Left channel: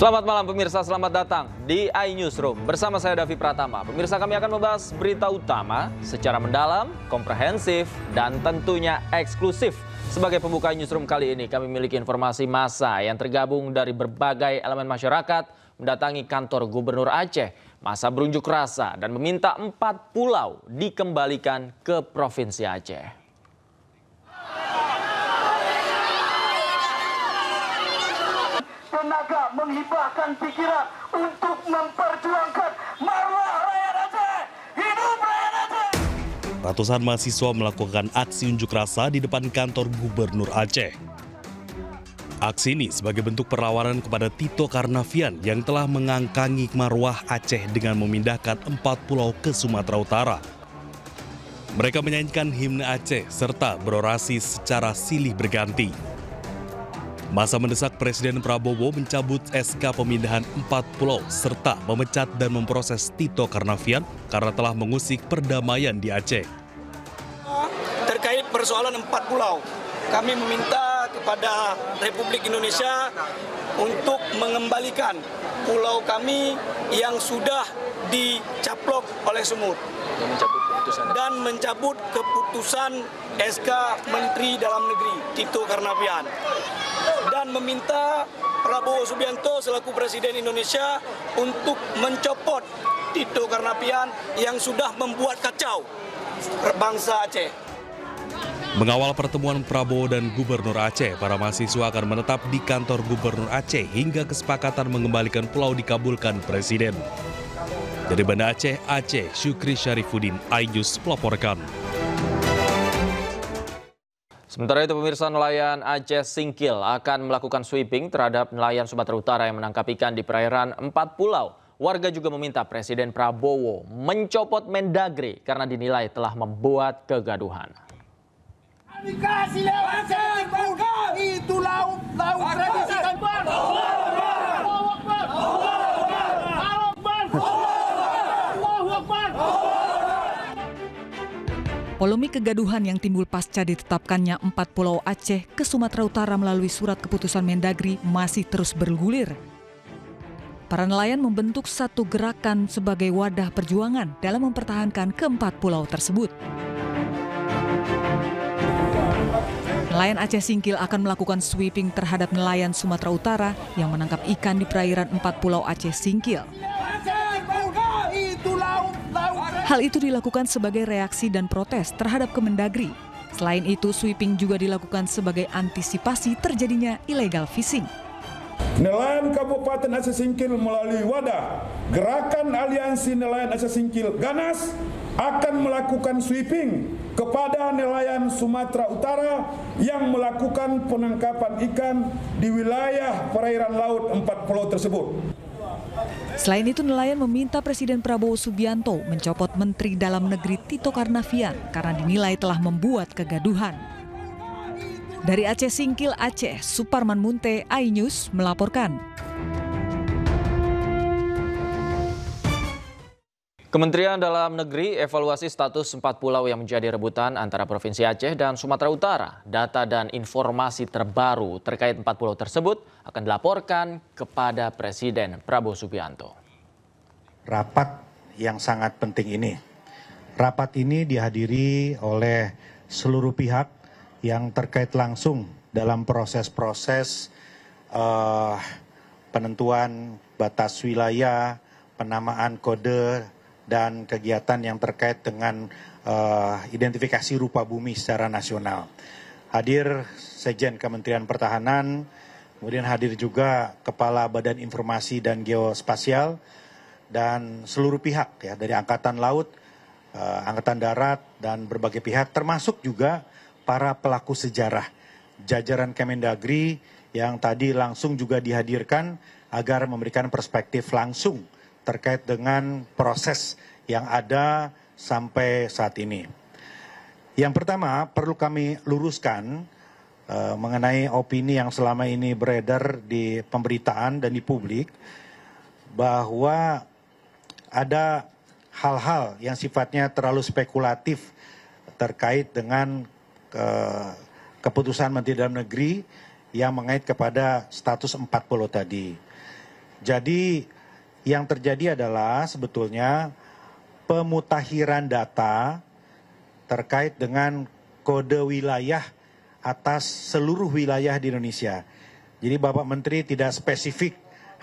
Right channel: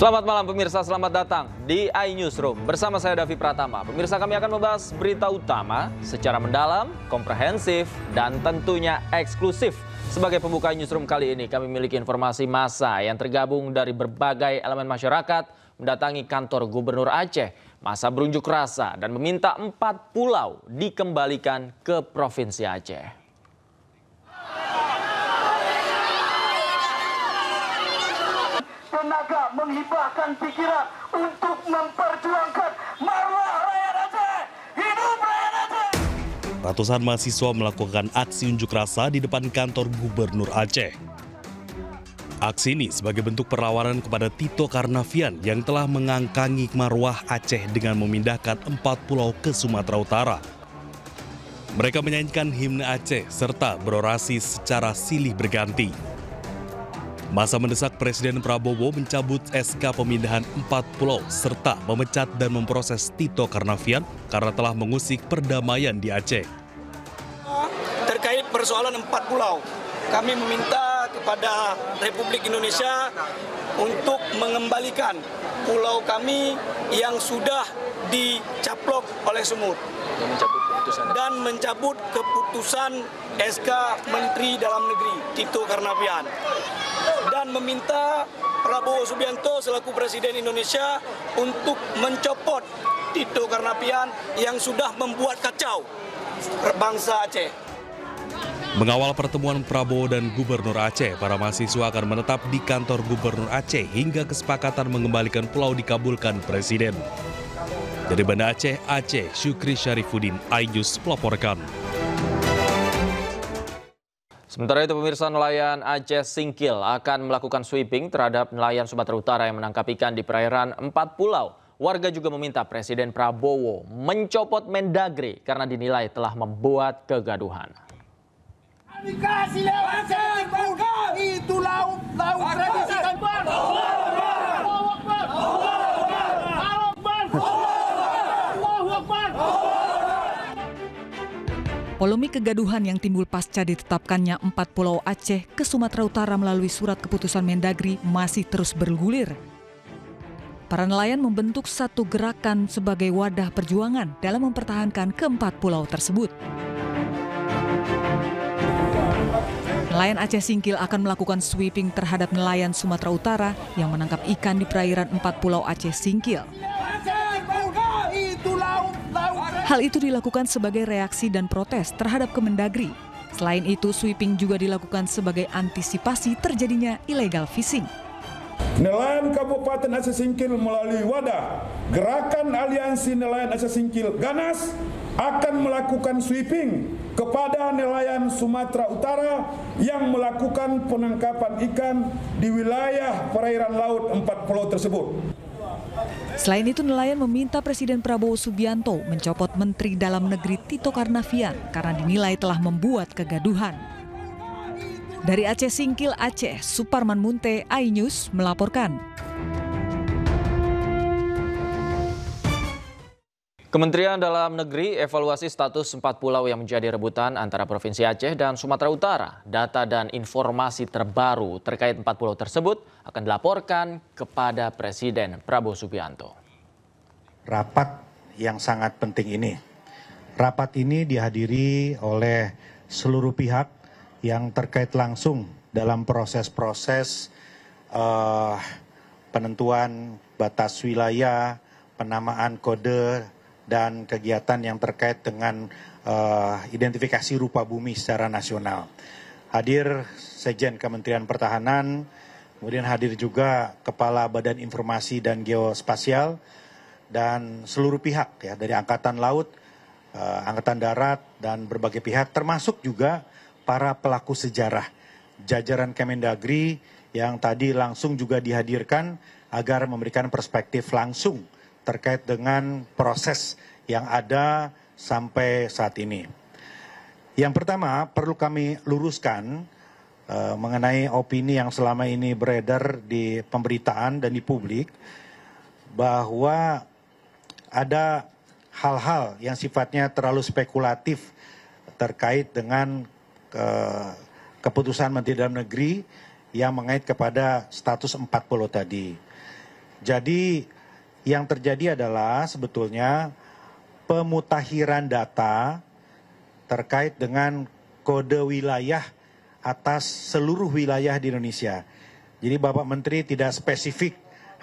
Selamat malam pemirsa, selamat datang di iNewsroom. Bersama saya Davi Pratama. Pemirsa, kami akan membahas berita utama secara mendalam, komprehensif, dan tentunya eksklusif. Sebagai pembuka iNewsroom kali ini, kami memiliki informasi massa yang tergabung dari berbagai elemen masyarakat mendatangi kantor Gubernur Aceh. Massa berunjuk rasa dan meminta 4 pulau dikembalikan ke Provinsi Aceh. Tenaga menghibahkan pikiran untuk memperjuangkan marwah rakyat Aceh. Hidup rakyat Aceh! Ratusan mahasiswa melakukan aksi unjuk rasa di depan kantor Gubernur Aceh. Aksi ini sebagai bentuk perlawanan kepada Tito Karnavian yang telah mengangkangi marwah Aceh dengan memindahkan 4 pulau ke Sumatera Utara. Mereka menyanyikan himne Aceh serta berorasi secara silih berganti. Massa mendesak Presiden Prabowo mencabut SK pemindahan 4 pulau serta memecat dan memproses Tito Karnavian karena telah mengusik perdamaian di Aceh. Terkait persoalan 4 pulau, kami meminta kepada Republik Indonesia untuk mengembalikan pulau kami yang sudah dicaplok oleh semut dan mencabut keputusan SK Menteri Dalam Negeri Tito Karnavian dan meminta Prabowo Subianto selaku Presiden Indonesia untuk mencopot Tito Karnavian yang sudah membuat kacau bangsa Aceh. Mengawal pertemuan Prabowo dan Gubernur Aceh, para mahasiswa akan menetap di kantor Gubernur Aceh hingga kesepakatan mengembalikan pulau dikabulkan Presiden. Dari Banda Aceh, Syukri Syarifuddin, iNews melaporkan. Sementara itu pemirsa, nelayan Aceh Singkil akan melakukan sweeping terhadap nelayan Sumatera Utara yang menangkap ikan di perairan 4 pulau. Warga juga meminta Presiden Prabowo mencopot Mendagri karena dinilai telah membuat kegaduhan. Dikasih lewat itu laut tradisi tanpa. Polemik kegaduhan yang timbul pasca ditetapkannya 4 pulau Aceh ke Sumatera Utara melalui surat keputusan Mendagri masih terus bergulir. Para nelayan membentuk satu gerakan sebagai wadah perjuangan dalam mempertahankan keempat pulau tersebut. Nelayan Aceh Singkil akan melakukan sweeping terhadap nelayan Sumatera Utara yang menangkap ikan di perairan 4 pulau Aceh Singkil. Hal itu dilakukan sebagai reaksi dan protes terhadap Kemendagri. Selain itu, sweeping juga dilakukan sebagai antisipasi terjadinya illegal fishing. Nelayan Kabupaten Aceh Singkil melalui wadah Gerakan Aliansi Nelayan Aceh Singkil GANAS akan melakukan sweeping kepada nelayan Sumatera Utara yang melakukan penangkapan ikan di wilayah perairan laut 4 pulau tersebut. Selain itu, nelayan meminta Presiden Prabowo Subianto mencopot Menteri Dalam Negeri Tito Karnavian karena dinilai telah membuat kegaduhan. Dari Aceh Singkil, Aceh, Suparman Munte, iNews melaporkan. Kementerian Dalam Negeri evaluasi status 4 pulau yang menjadi rebutan antara Provinsi Aceh dan Sumatera Utara. Data dan informasi terbaru terkait 4 pulau tersebut akan dilaporkan kepada Presiden Prabowo Subianto. Rapat yang sangat penting ini. Rapat ini dihadiri oleh seluruh pihak yang terkait langsung dalam proses-proses penentuan batas wilayah, penamaan kode, dan kegiatan yang terkait dengan identifikasi rupa bumi secara nasional. Hadir Sekjen Kementerian Pertahanan, kemudian hadir juga Kepala Badan Informasi dan Geospasial, dan seluruh pihak ya, dari Angkatan Laut, Angkatan Darat, dan berbagai pihak, termasuk juga para pelaku sejarah, jajaran Kemendagri yang tadi langsung juga dihadirkan agar memberikan perspektif langsung terkait dengan proses yang ada sampai saat ini. Yang pertama, perlu kami luruskan mengenai opini yang selama ini beredar di pemberitaan dan di publik, bahwa ada hal-hal yang sifatnya terlalu spekulatif terkait dengan keputusan Menteri Dalam Negeri yang mengait kepada status 4 pulau tadi. Jadi yang terjadi adalah sebetulnya pemutakhiran data terkait dengan kode wilayah atas seluruh wilayah di Indonesia. Jadi Bapak Menteri tidak spesifik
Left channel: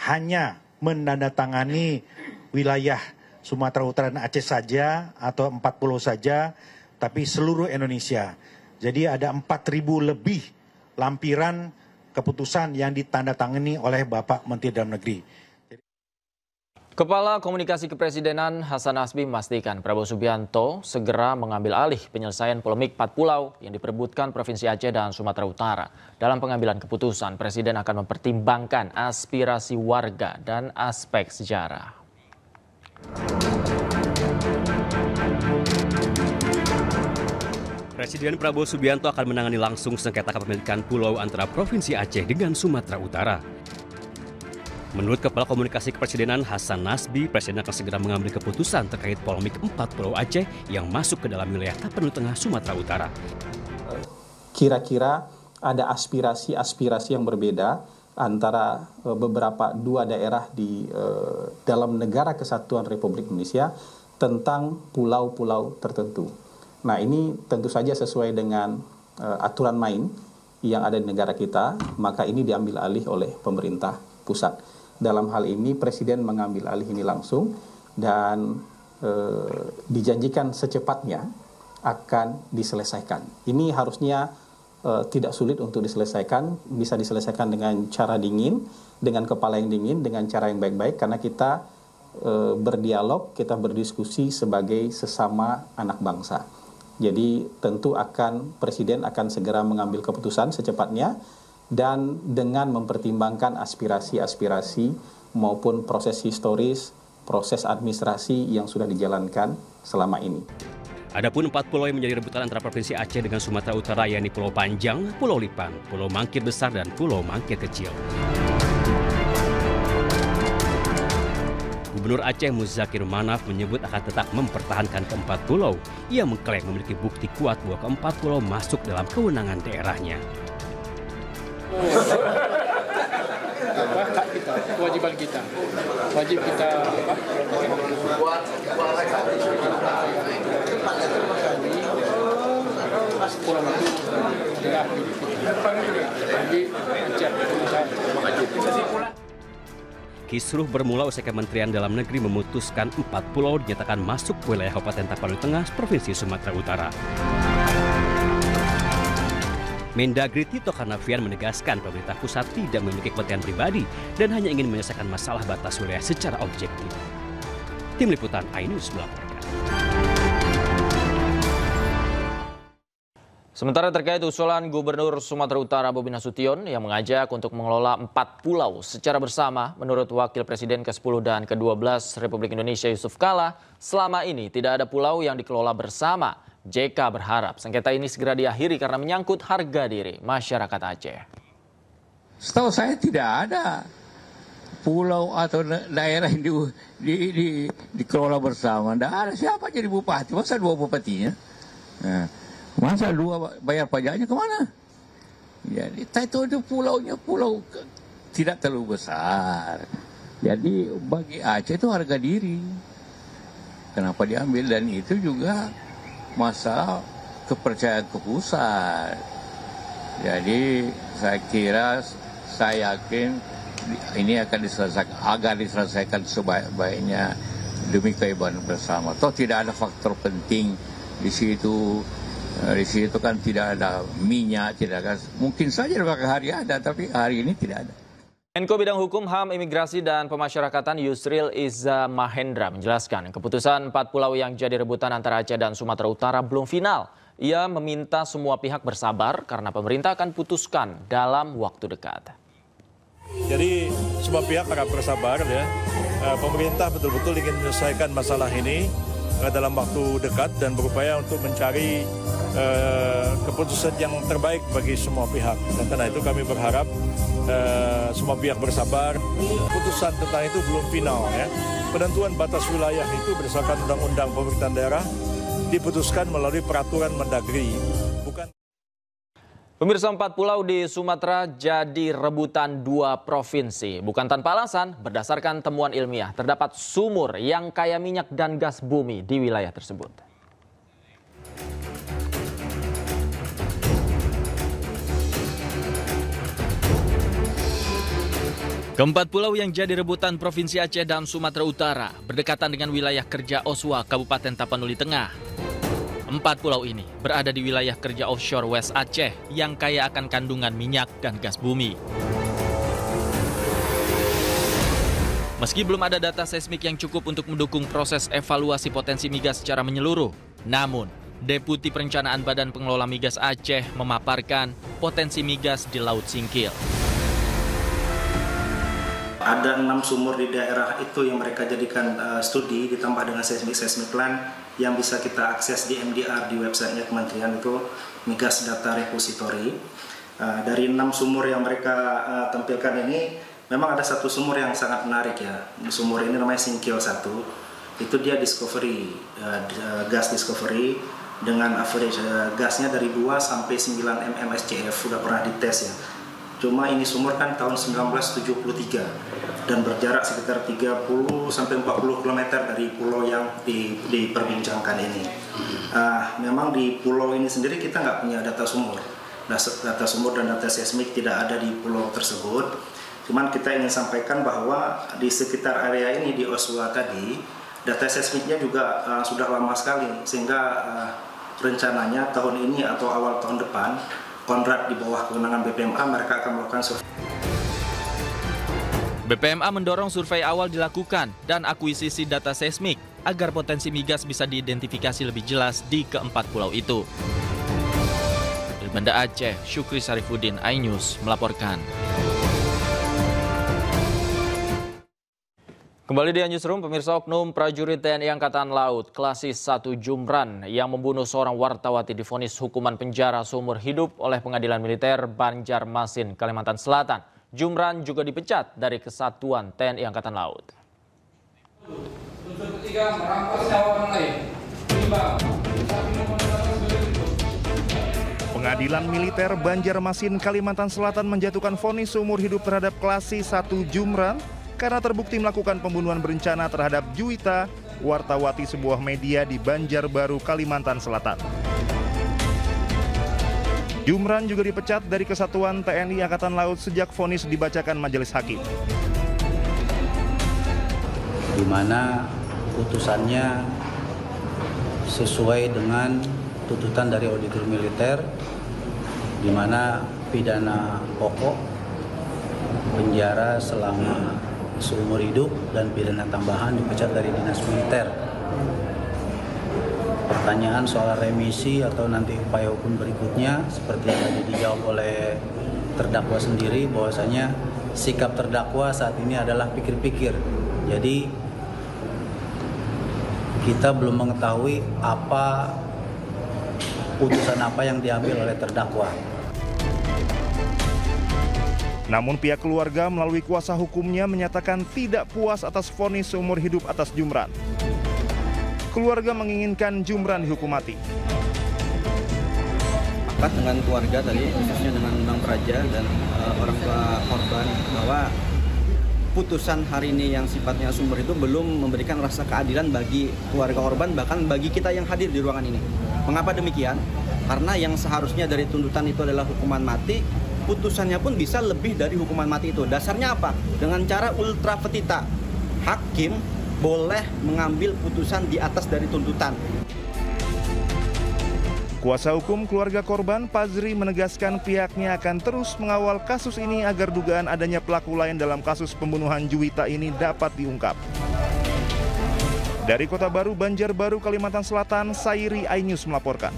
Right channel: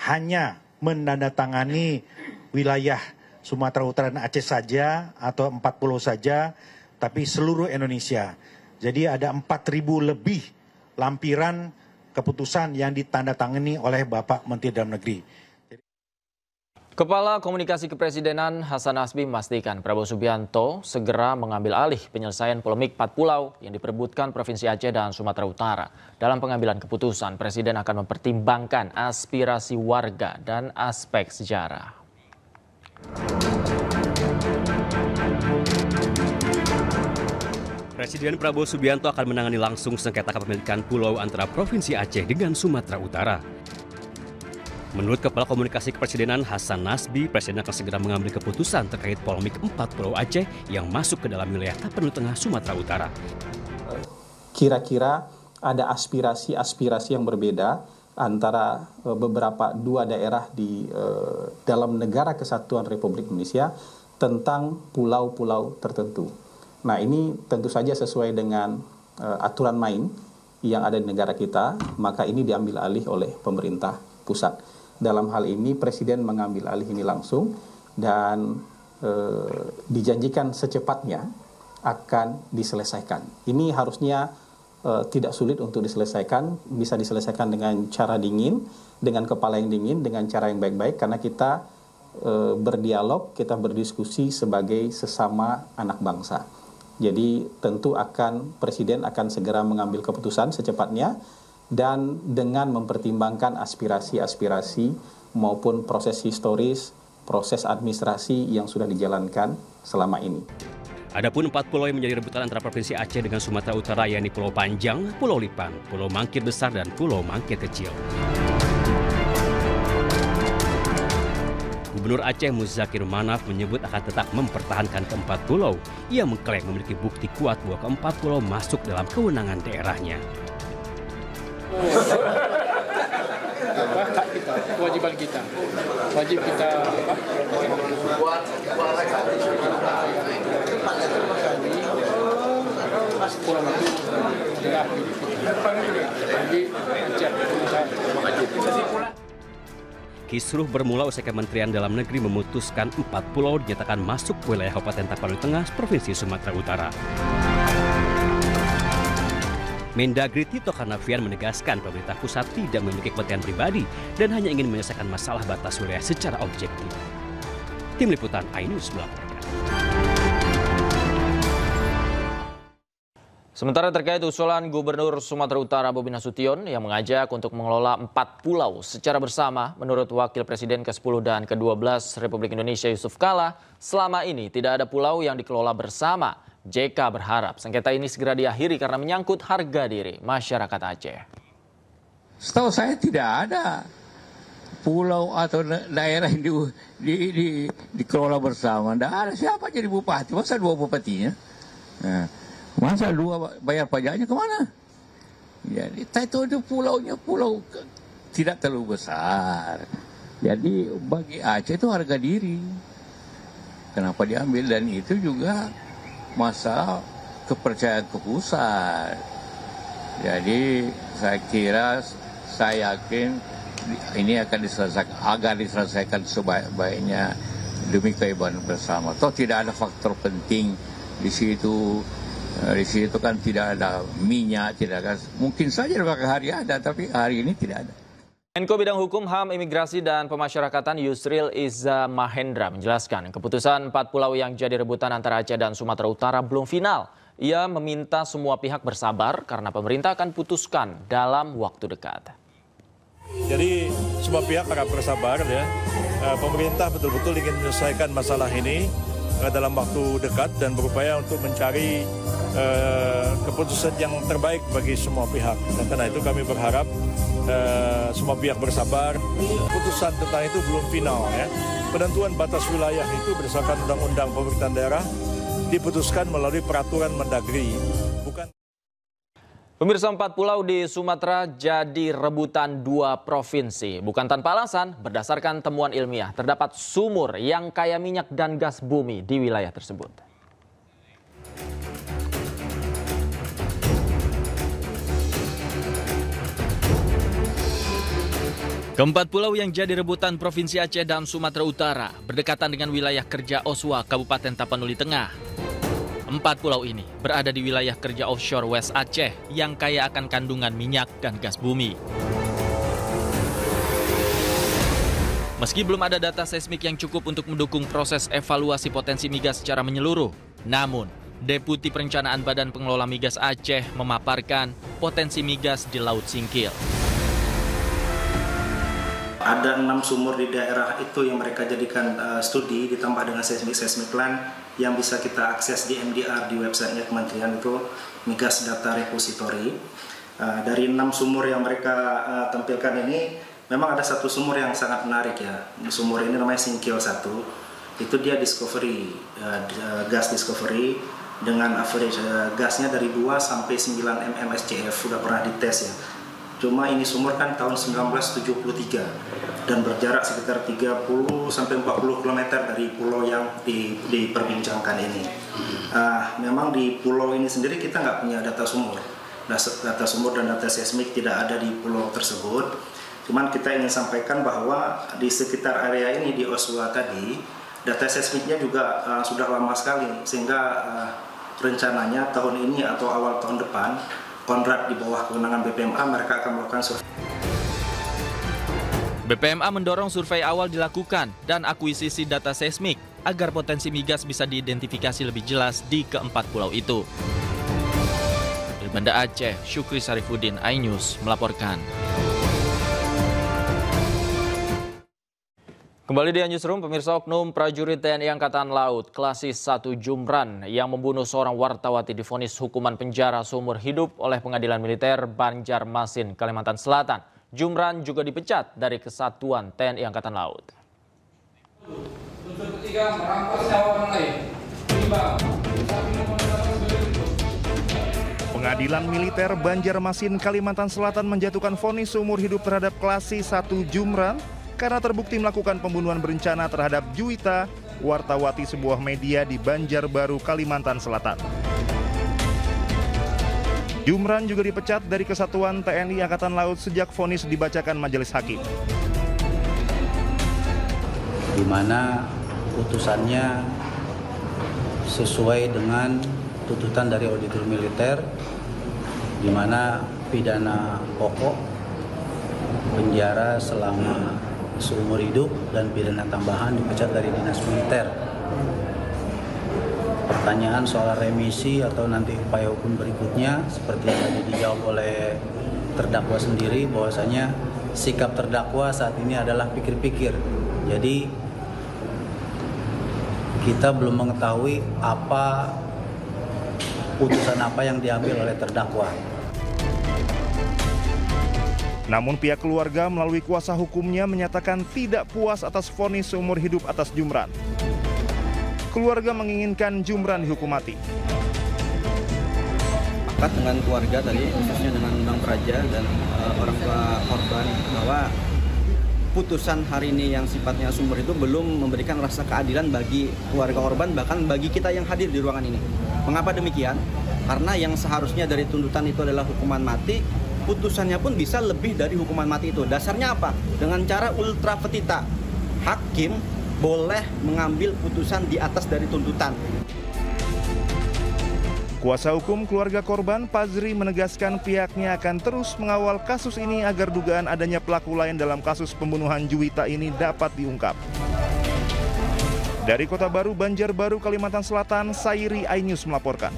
hanya menandatangani wilayah Sumatera Utara dan Aceh saja atau 40 saja, tapi seluruh Indonesia. Jadi ada 4.000 lebih lampiran keputusan yang ditandatangani oleh Bapak Menteri Dalam Negeri. Kepala Komunikasi Kepresidenan Hasan Nasbi memastikan Prabowo Subianto segera mengambil alih penyelesaian polemik 4 pulau yang diperebutkan Provinsi Aceh dan Sumatera Utara. Dalam pengambilan keputusan, Presiden akan mempertimbangkan aspirasi warga dan aspek sejarah. Presiden Prabowo Subianto akan menangani langsung sengketa kepemilikan pulau antara Provinsi Aceh dengan Sumatera Utara. Menurut Kepala Komunikasi Kepresidenan Hasan Nasbi, Presiden akan segera mengambil keputusan terkait polemik 4 pulau Aceh yang masuk ke dalam wilayah Tapanuli Tengah Sumatera Utara. Kira-kira ada aspirasi yang berbeda antara beberapa dua daerah di dalam negara kesatuan Republik Indonesia tentang pulau-pulau tertentu. Nah, ini tentu saja sesuai dengan aturan main yang ada di negara kita, maka ini diambil alih oleh pemerintah pusat. Dalam hal ini Presiden mengambil alih ini langsung dan dijanjikan secepatnya akan diselesaikan. Ini harusnya tidak sulit untuk diselesaikan, bisa diselesaikan dengan cara dingin, dengan kepala yang dingin, dengan cara yang baik-baik, karena kita berdialog, kita berdiskusi sebagai sesama anak bangsa. Jadi tentu Presiden akan segera mengambil keputusan secepatnya, dan dengan mempertimbangkan aspirasi-aspirasi maupun proses historis, proses administrasi yang sudah dijalankan selama ini. Adapun 4 pulau yang menjadi rebutan antara Provinsi Aceh dengan Sumatera Utara yakni Pulau Panjang, Pulau Lipan, Pulau Mangkir Besar, dan Pulau Mangkir Kecil. Gubernur Aceh Muzakir Manaf menyebut akan tetap mempertahankan keempat pulau. Ia mengklaim memiliki bukti kuat bahwa keempat pulau masuk dalam kewenangan daerahnya. Kewajiban kita, wajib kita Kisruh bermula usai Kementerian Dalam Negeri memutuskan 4 pulau dinyatakan masuk wilayah Kabupaten Tapanuli Tengah, Provinsi Sumatera Utara. Mendagri Tito Karnavian menegaskan pemerintah pusat tidak memiliki kepentingan pribadi dan hanya ingin menyelesaikan masalah batas wilayah secara objektif. Tim Liputan iNews melaporkan. Sementara terkait usulan Gubernur Sumatera Utara Bobi Nasution yang mengajak untuk mengelola 4 pulau secara bersama, menurut Wakil Presiden ke-10 dan ke-12 Republik Indonesia Yusuf Kala, selama ini tidak ada pulau yang dikelola bersama. JK berharap sengketa ini segera diakhiri karena menyangkut harga diri masyarakat Aceh. Setahu saya tidak ada pulau atau daerah yang dikelola bersama. Tidak ada. Siapa jadi bupati? Masa 2 bupatinya? Masa 2 bayar pajaknya kemana? Jadi itu pulaunya pulau tidak terlalu besar. Jadi bagi Aceh itu harga diri. Kenapa diambil? Dan itu juga masa kepercayaan ke pusat. Jadi saya yakin ini akan diselesaikan sebaik-baiknya demi keibadah bersama. Toh tidak ada faktor penting di situ. Di situ kan tidak ada minyak, tidak ada. Mungkin saja beberapa hari ada, tapi hari ini tidak ada. Menko Bidang Hukum, HAM, Imigrasi, dan Pemasyarakatan Yusril Iza Mahendra menjelaskan keputusan 4 pulau yang jadi rebutan antara Aceh dan Sumatera Utara belum final. Ia meminta semua pihak bersabar karena pemerintah akan putuskan dalam waktu dekat. Jadi semua pihak harap bersabar ya. Pemerintah betul-betul ingin menyelesaikan masalah ini dalam waktu dekat dan berupaya untuk mencari keputusan yang terbaik bagi semua pihak. Dan karena itu kami berharap semua pihak bersabar. Keputusan tentang itu belum final ya. Penentuan batas wilayah itu berdasarkan undang-undang pemerintahan daerah diputuskan melalui peraturan Mendagri. Pemirsa, 4 pulau di Sumatera jadi rebutan 2 provinsi. Bukan tanpa alasan, berdasarkan temuan ilmiah, terdapat sumur yang kaya minyak dan gas bumi di wilayah tersebut. Keempat pulau yang jadi rebutan Provinsi Aceh dan Sumatera Utara berdekatan dengan wilayah kerja Oswa, Kabupaten Tapanuli Tengah. 4 pulau ini berada di wilayah kerja offshore West Aceh yang kaya akan kandungan minyak dan gas bumi. Meski belum ada data seismik yang cukup untuk mendukung proses evaluasi potensi migas secara menyeluruh, namun Deputi Perencanaan Badan Pengelola Migas Aceh memaparkan potensi migas di Laut Singkil. Ada 6 sumur di daerah itu yang mereka jadikan studi ditambah dengan seismic plan yang bisa kita akses di MDR di websitenya Kementerian, itu Migas Data Repository. Dari 6 sumur yang mereka tampilkan ini, memang ada satu sumur yang sangat menarik ya. Sumur ini namanya Singkil 1. Itu dia discovery, gas discovery dengan average gasnya dari 2 sampai 9 mmSCF, sudah pernah dites ya. Cuma ini sumur kan tahun 1973 dan berjarak sekitar 30 sampai 40 km dari pulau yang diperbincangkan ini. Memang di pulau ini sendiri kita nggak punya data sumur. Data sumur dan data seismik tidak ada di pulau tersebut. Cuman kita ingin sampaikan bahwa di sekitar area ini di Oswa tadi, data seismiknya juga sudah lama sekali, sehingga rencananya tahun ini atau awal tahun depan, kontrak di bawah kewenangan BPMA mereka akan melakukan survei. BPMA mendorong survei awal dilakukan dan akuisisi data seismik agar potensi migas bisa diidentifikasi lebih jelas di keempat pulau itu. Dari Banda Aceh, Syukri Sarifuddin, iNews melaporkan. Kembali di Newsroom, pemirsa, oknum prajurit TNI Angkatan Laut Klasis 1 Jumran yang membunuh seorang wartawati divonis hukuman penjara seumur hidup oleh Pengadilan Militer Banjarmasin, Kalimantan Selatan. Jumran juga dipecat dari Kesatuan TNI Angkatan Laut. Pengadilan Militer Banjarmasin, Kalimantan Selatan menjatuhkan vonis seumur hidup terhadap Klasis 1 Jumran karena terbukti melakukan pembunuhan berencana terhadap Juwita, wartawati sebuah media di Banjarbaru, Kalimantan Selatan. Jumran juga dipecat dari Kesatuan TNI Angkatan Laut sejak vonis dibacakan majelis hakim. Di mana putusannya sesuai dengan tuntutan dari auditor militer, di mana pidana pokok penjara selama seumur hidup dan pidana tambahan dipecat dari dinas militer. Pertanyaan soal remisi atau nanti upaya hukum berikutnya seperti yang dijawab oleh terdakwa sendiri, bahwasanya sikap terdakwa saat ini adalah pikir-pikir. Jadi kita belum mengetahui apa putusan apa yang diambil oleh terdakwa. Namun pihak keluarga melalui kuasa hukumnya menyatakan tidak puas atas vonis seumur hidup atas Jumran. Keluarga menginginkan Jumran dihukum mati. Apakah dengan keluarga tadi, khususnya dengan Bang Praja dan orang tua korban, bahwa putusan hari ini yang sifatnya sumber itu belum memberikan rasa keadilan bagi keluarga korban, bahkan bagi kita yang hadir di ruangan ini. Mengapa demikian? Karena yang seharusnya dari tuntutan itu adalah hukuman mati, putusannya pun bisa lebih dari hukuman mati itu. Dasarnya apa? Dengan cara ultra petita, hakim boleh mengambil putusan di atas dari tuntutan. Kuasa hukum keluarga korban, Pazri, menegaskan pihaknya akan terus mengawal kasus ini agar dugaan adanya pelaku lain dalam kasus pembunuhan Juwita ini dapat diungkap. Dari Kota Baru, Banjarbaru, Kalimantan Selatan, Sairi, iNews melaporkan.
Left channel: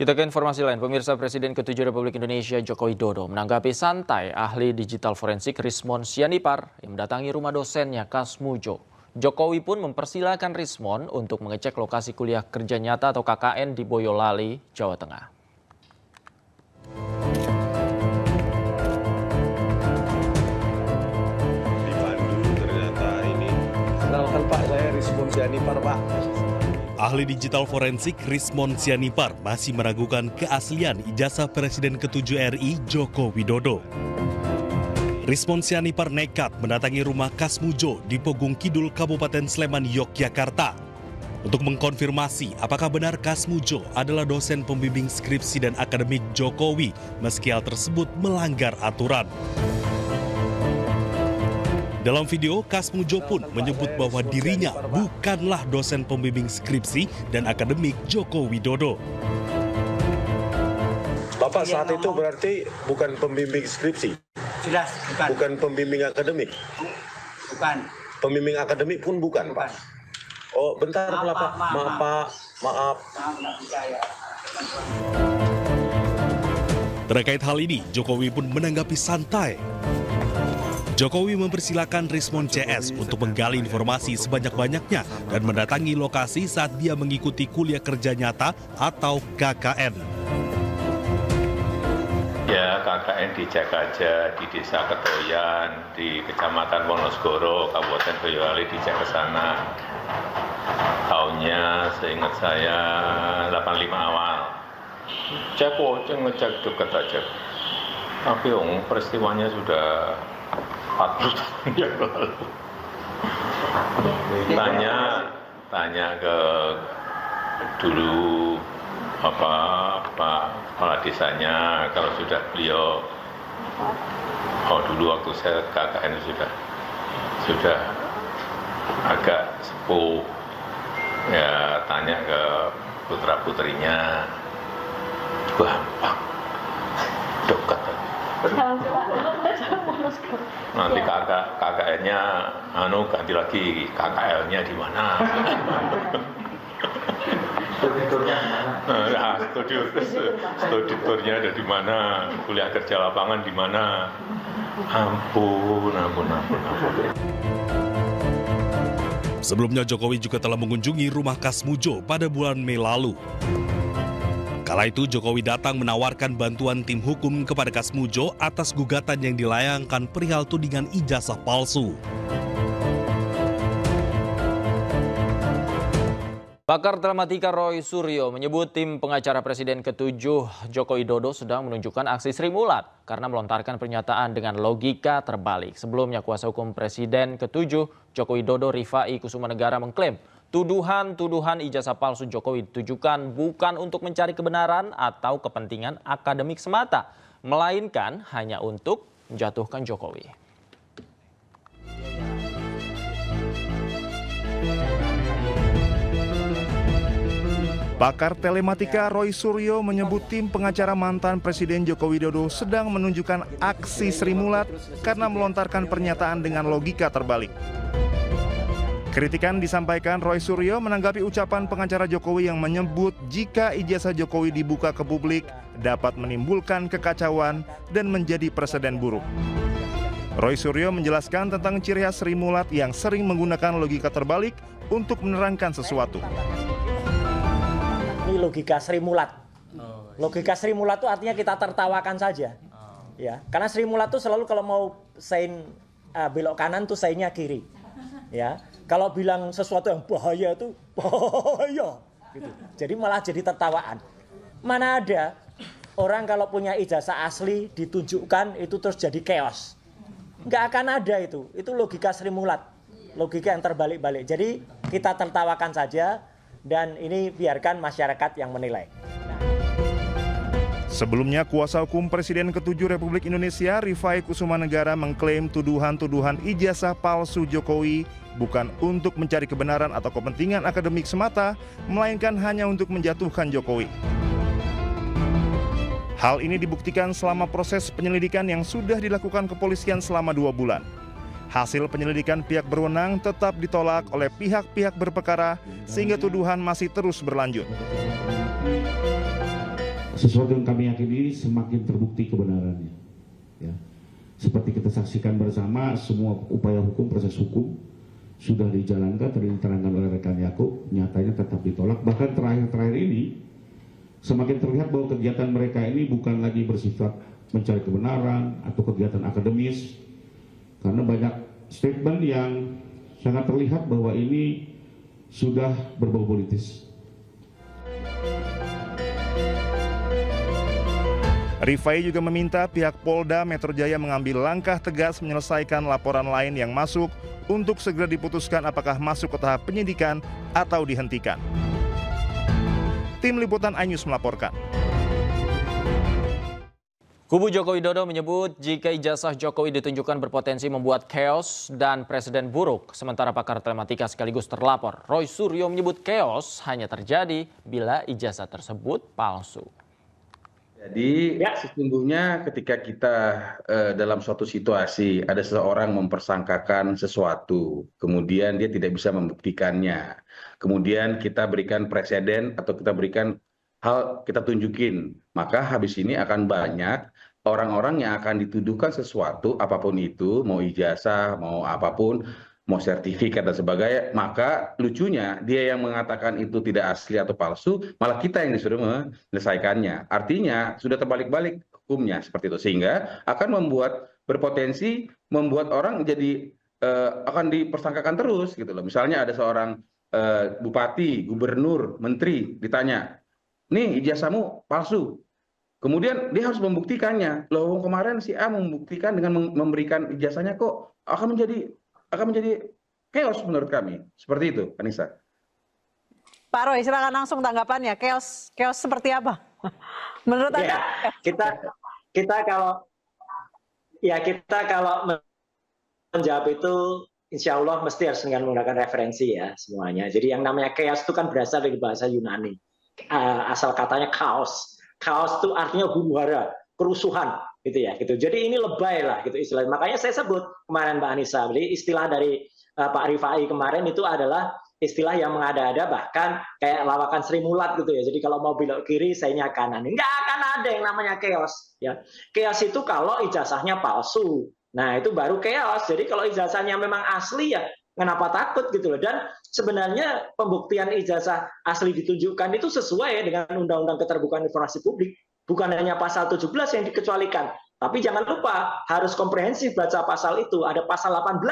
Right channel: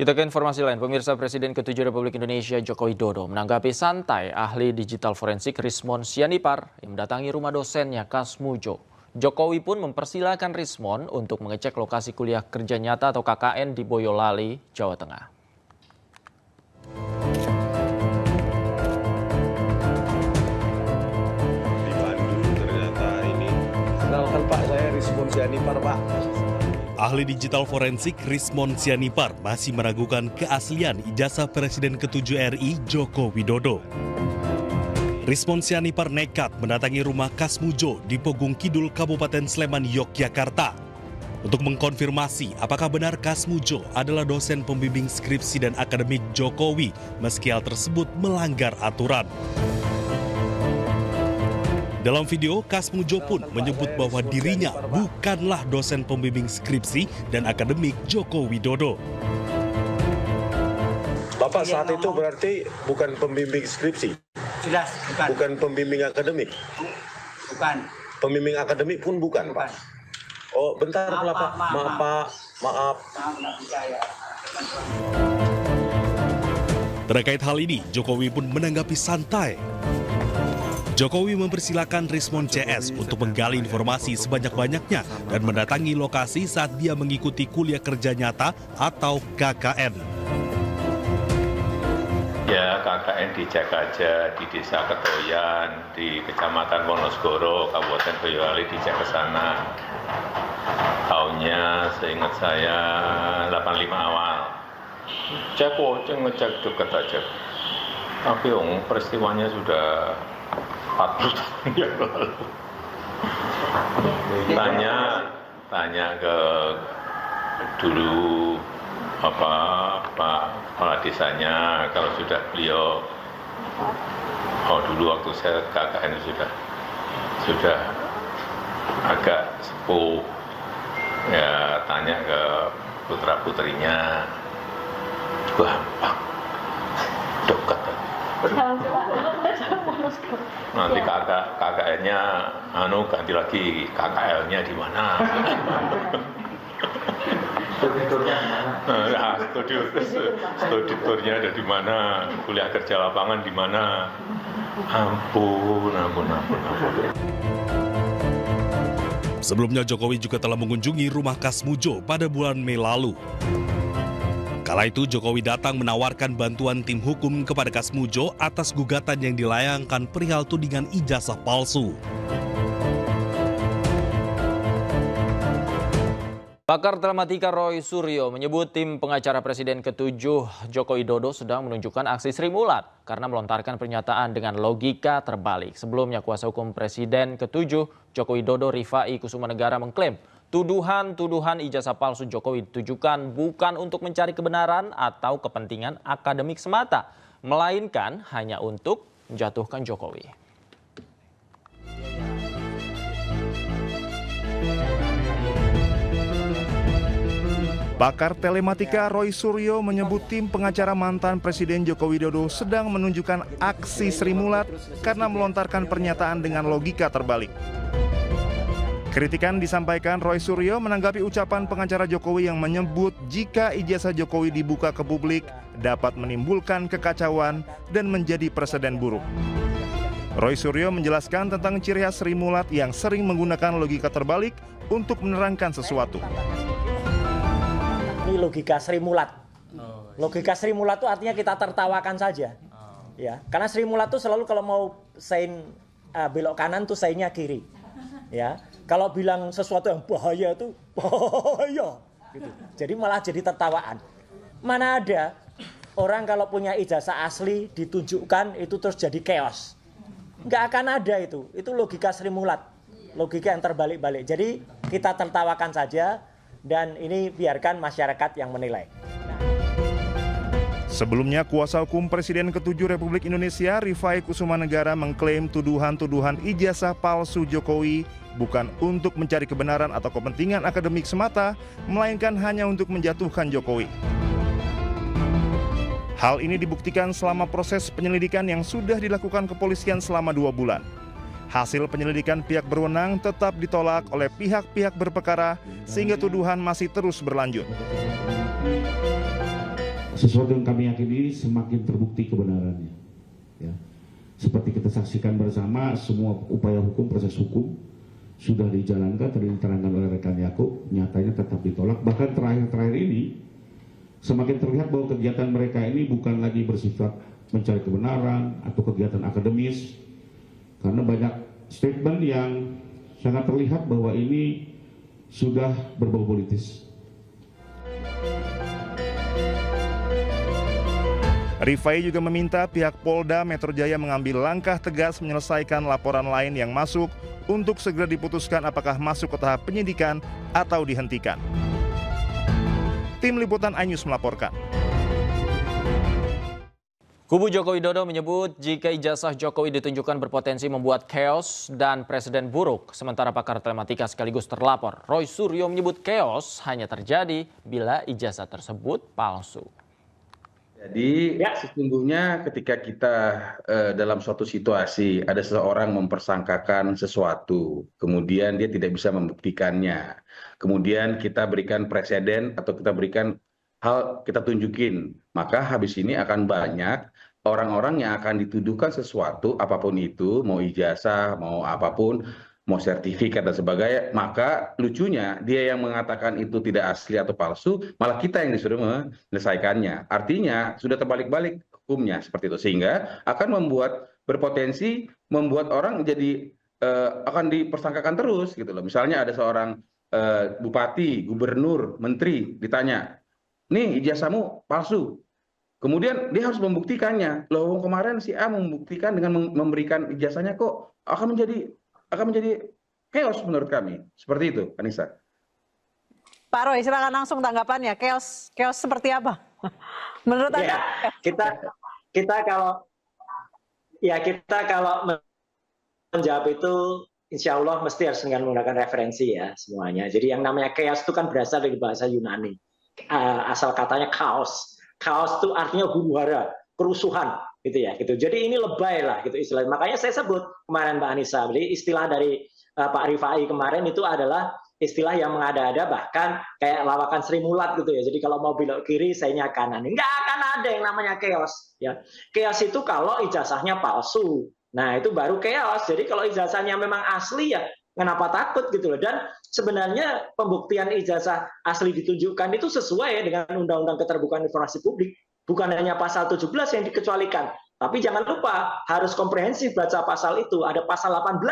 Kita ke informasi lain, pemirsa. Presiden ke-7 Republik Indonesia Joko Widodo menanggapi santai ahli digital forensik Rismon Sianipar yang mendatangi rumah dosennya Kasmujo. Jokowi pun mempersilahkan Rismon untuk mengecek lokasi kuliah kerja nyata atau KKN di Boyolali, Jawa Tengah. Kenalkan Pak, saya Rismon Sianipar, Pak. Ahli digital forensik Rismon Sianipar masih meragukan keaslian ijazah Presiden ke-7 RI Joko Widodo. Rismon Sianipar nekat mendatangi rumah Kasmujo di Pogung Kidul, Kabupaten Sleman, Yogyakarta untuk mengkonfirmasi apakah benar Kasmujo adalah dosen pembimbing skripsi dan akademik Jokowi meski hal tersebut melanggar aturan. Dalam video, Kasmujo pun menyebut bahwa dirinya bukanlah dosen pembimbing skripsi dan akademik Joko Widodo. Bapak saat itu berarti bukan pembimbing skripsi? Jelas, bukan. Bukan pembimbing akademik? Bukan. Pembimbing akademik pun bukan, Pak? Oh, bentar, Pak. Maaf. Terkait hal ini, Jokowi pun menanggapi santai. Jokowi mempersilahkan Rismon CS untuk menggali informasi sebanyak-banyaknya dan mendatangi lokasi saat dia mengikuti kuliah kerja nyata atau KKN. Ya, KKN dicek aja di Desa Ketoyan, di Kecamatan Wonosgoro, Kabupaten Boyolali, dicek ke sana. Tahunnya seingat saya 85 awal. Ngecek dekat aja. Tapi peristiwanya sudah 40 tahun yang lalu. Tanya ke dulu Pak kepala desanya, kalau sudah beliau dulu waktu saya KKN sudah agak sepuh, ya tanya ke putra putrinya, gampang, dekat. Nanti KKN-nya ganti lagi, KKL-nya di mana? Studi turnya ada di mana? Kuliah kerja lapangan di mana? Ampun. Sebelumnya Jokowi juga telah mengunjungi rumah Kasmujo pada bulan Mei lalu. Kala itu Jokowi datang menawarkan bantuan tim hukum kepada Kasmujo atas gugatan yang dilayangkan perihal tudingan ijazah palsu. Pakar telematika Roy Suryo menyebut tim pengacara Presiden ke-7 Joko Widodo sedang menunjukkan aksi Sri Mulat karena melontarkan pernyataan dengan logika terbalik. Sebelumnya kuasa hukum Presiden ke-7 Joko Widodo Rifai Kusumanegara mengklaim tuduhan ijazah palsu Jokowi ditujukan bukan untuk mencari kebenaran atau kepentingan akademik semata, melainkan hanya untuk menjatuhkan Jokowi. Pakar telematika Roy Suryo menyebut tim pengacara mantan Presiden Joko Widodo sedang menunjukkan aksi Sri Mulat karena melontarkan pernyataan dengan logika terbalik. Kritikan disampaikan Roy Suryo menanggapi ucapan pengacara Jokowi yang menyebut jika ijazah Jokowi dibuka ke publik dapat menimbulkan kekacauan dan menjadi presiden buruk. Roy Suryo menjelaskan tentang ciri khas Sri Mulat yang sering menggunakan logika terbalik untuk menerangkan sesuatu. Logika Sri Mulat. Logika Sri Mulat itu artinya kita tertawakan saja. Ya, karena Sri Mulat itu selalu kalau mau sein belok kanan tuh seinnya kiri. Ya, kalau bilang sesuatu yang bahaya itu bahaya. Gitu. Jadi malah jadi tertawaan. Mana ada orang kalau punya ijazah asli ditunjukkan itu terus jadi chaos. Nggak akan ada itu. Itu logika Sri Mulat. Logika yang terbalik-balik. Jadi kita tertawakan saja. Dan ini biarkan masyarakat yang menilai. Sebelumnya, kuasa hukum Presiden ke-7 Republik Indonesia, Rifai Kusumanegara, mengklaim tuduhan-tuduhan ijazah palsu Jokowi bukan untuk mencari kebenaran atau kepentingan akademik semata, melainkan hanya untuk menjatuhkan Jokowi. Hal ini dibuktikan selama proses penyelidikan yang sudah dilakukan kepolisian selama 2 bulan. Hasil penyelidikan pihak berwenang tetap ditolak oleh pihak-pihak berperkara sehingga tuduhan masih terus berlanjut. Sesuatu yang kami yakini semakin terbukti kebenarannya. Ya. Seperti kita saksikan bersama, semua upaya hukum, proses hukum sudah dijalankan, tadi diterangkan oleh rekan Yakub, nyatanya tetap ditolak. Bahkan terakhir-terakhir ini semakin terlihat bahwa kegiatan mereka ini bukan lagi bersifat mencari kebenaran atau kegiatan akademis. Karena banyak statement yang sangat terlihat bahwa ini sudah berbau politis. Rifai juga meminta pihak Polda Metro Jaya mengambil langkah tegas menyelesaikan laporan lain yang masuk untuk segera diputuskan apakah masuk ke tahap penyidikan atau dihentikan. Tim Liputan iNews melaporkan. Kubu Joko Widodo menyebut jika ijazah Jokowi ditunjukkan berpotensi membuat chaos dan presiden buruk. Sementara pakar telematika sekaligus terlapor, Roy Suryo menyebut chaos hanya terjadi bila ijazah tersebut palsu. Jadi sesungguhnya ketika kita dalam suatu situasi ada seseorang mempersangkakan sesuatu, kemudian dia tidak bisa membuktikannya, kemudian kita berikan presiden atau kita berikan hal, kita tunjukin, maka habis ini akan banyak orang-orang yang akan dituduhkan sesuatu, apapun itu, mau ijazah, mau apapun, mau sertifikat dan sebagainya, maka lucunya dia yang mengatakan itu tidak asli atau palsu, malah kita yang disuruh menyelesaikannya. Artinya sudah terbalik-balik hukumnya seperti itu, sehingga akan berpotensi membuat orang jadi akan dipersangkakan terus gitu loh. Misalnya ada seorang bupati, gubernur, menteri ditanya, nih ijazahmu palsu. Kemudian dia harus membuktikannya. Loh, kemarin si A membuktikan dengan memberikan ijazahnya kok akan menjadi chaos menurut kami. Seperti itu, Anissa. Pak Roy, silakan langsung tanggapannya. Chaos seperti apa? Menurut Anda? Kita kalau menjawab itu insya Allah mesti harus dengan menggunakan referensi ya semuanya. Jadi yang namanya chaos itu kan berasal dari bahasa Yunani. Asal katanya chaos. Chaos itu artinya huru-hara, kerusuhan, gitu ya. Gitu. Jadi ini lebay lah, gitu istilahnya. Makanya saya sebut kemarin Mbak Anissa, beli istilah dari Pak Rifai kemarin itu adalah istilah yang mengada-ada, bahkan kayak lawakan Sri Mulat gitu ya. Jadi kalau mau belok kiri, sayanya kanan. Nggak akan ada yang namanya chaos. Ya. Chaos itu kalau ijazahnya palsu. Nah itu baru chaos. Jadi kalau ijazahnya memang asli ya, kenapa takut gitu loh. Dan sebenarnya pembuktian ijazah asli ditunjukkan itu sesuai dengan Undang-Undang Keterbukaan Informasi Publik. Bukan hanya pasal 17 yang dikecualikan. Tapi jangan lupa harus komprehensif baca pasal itu. Ada pasal 18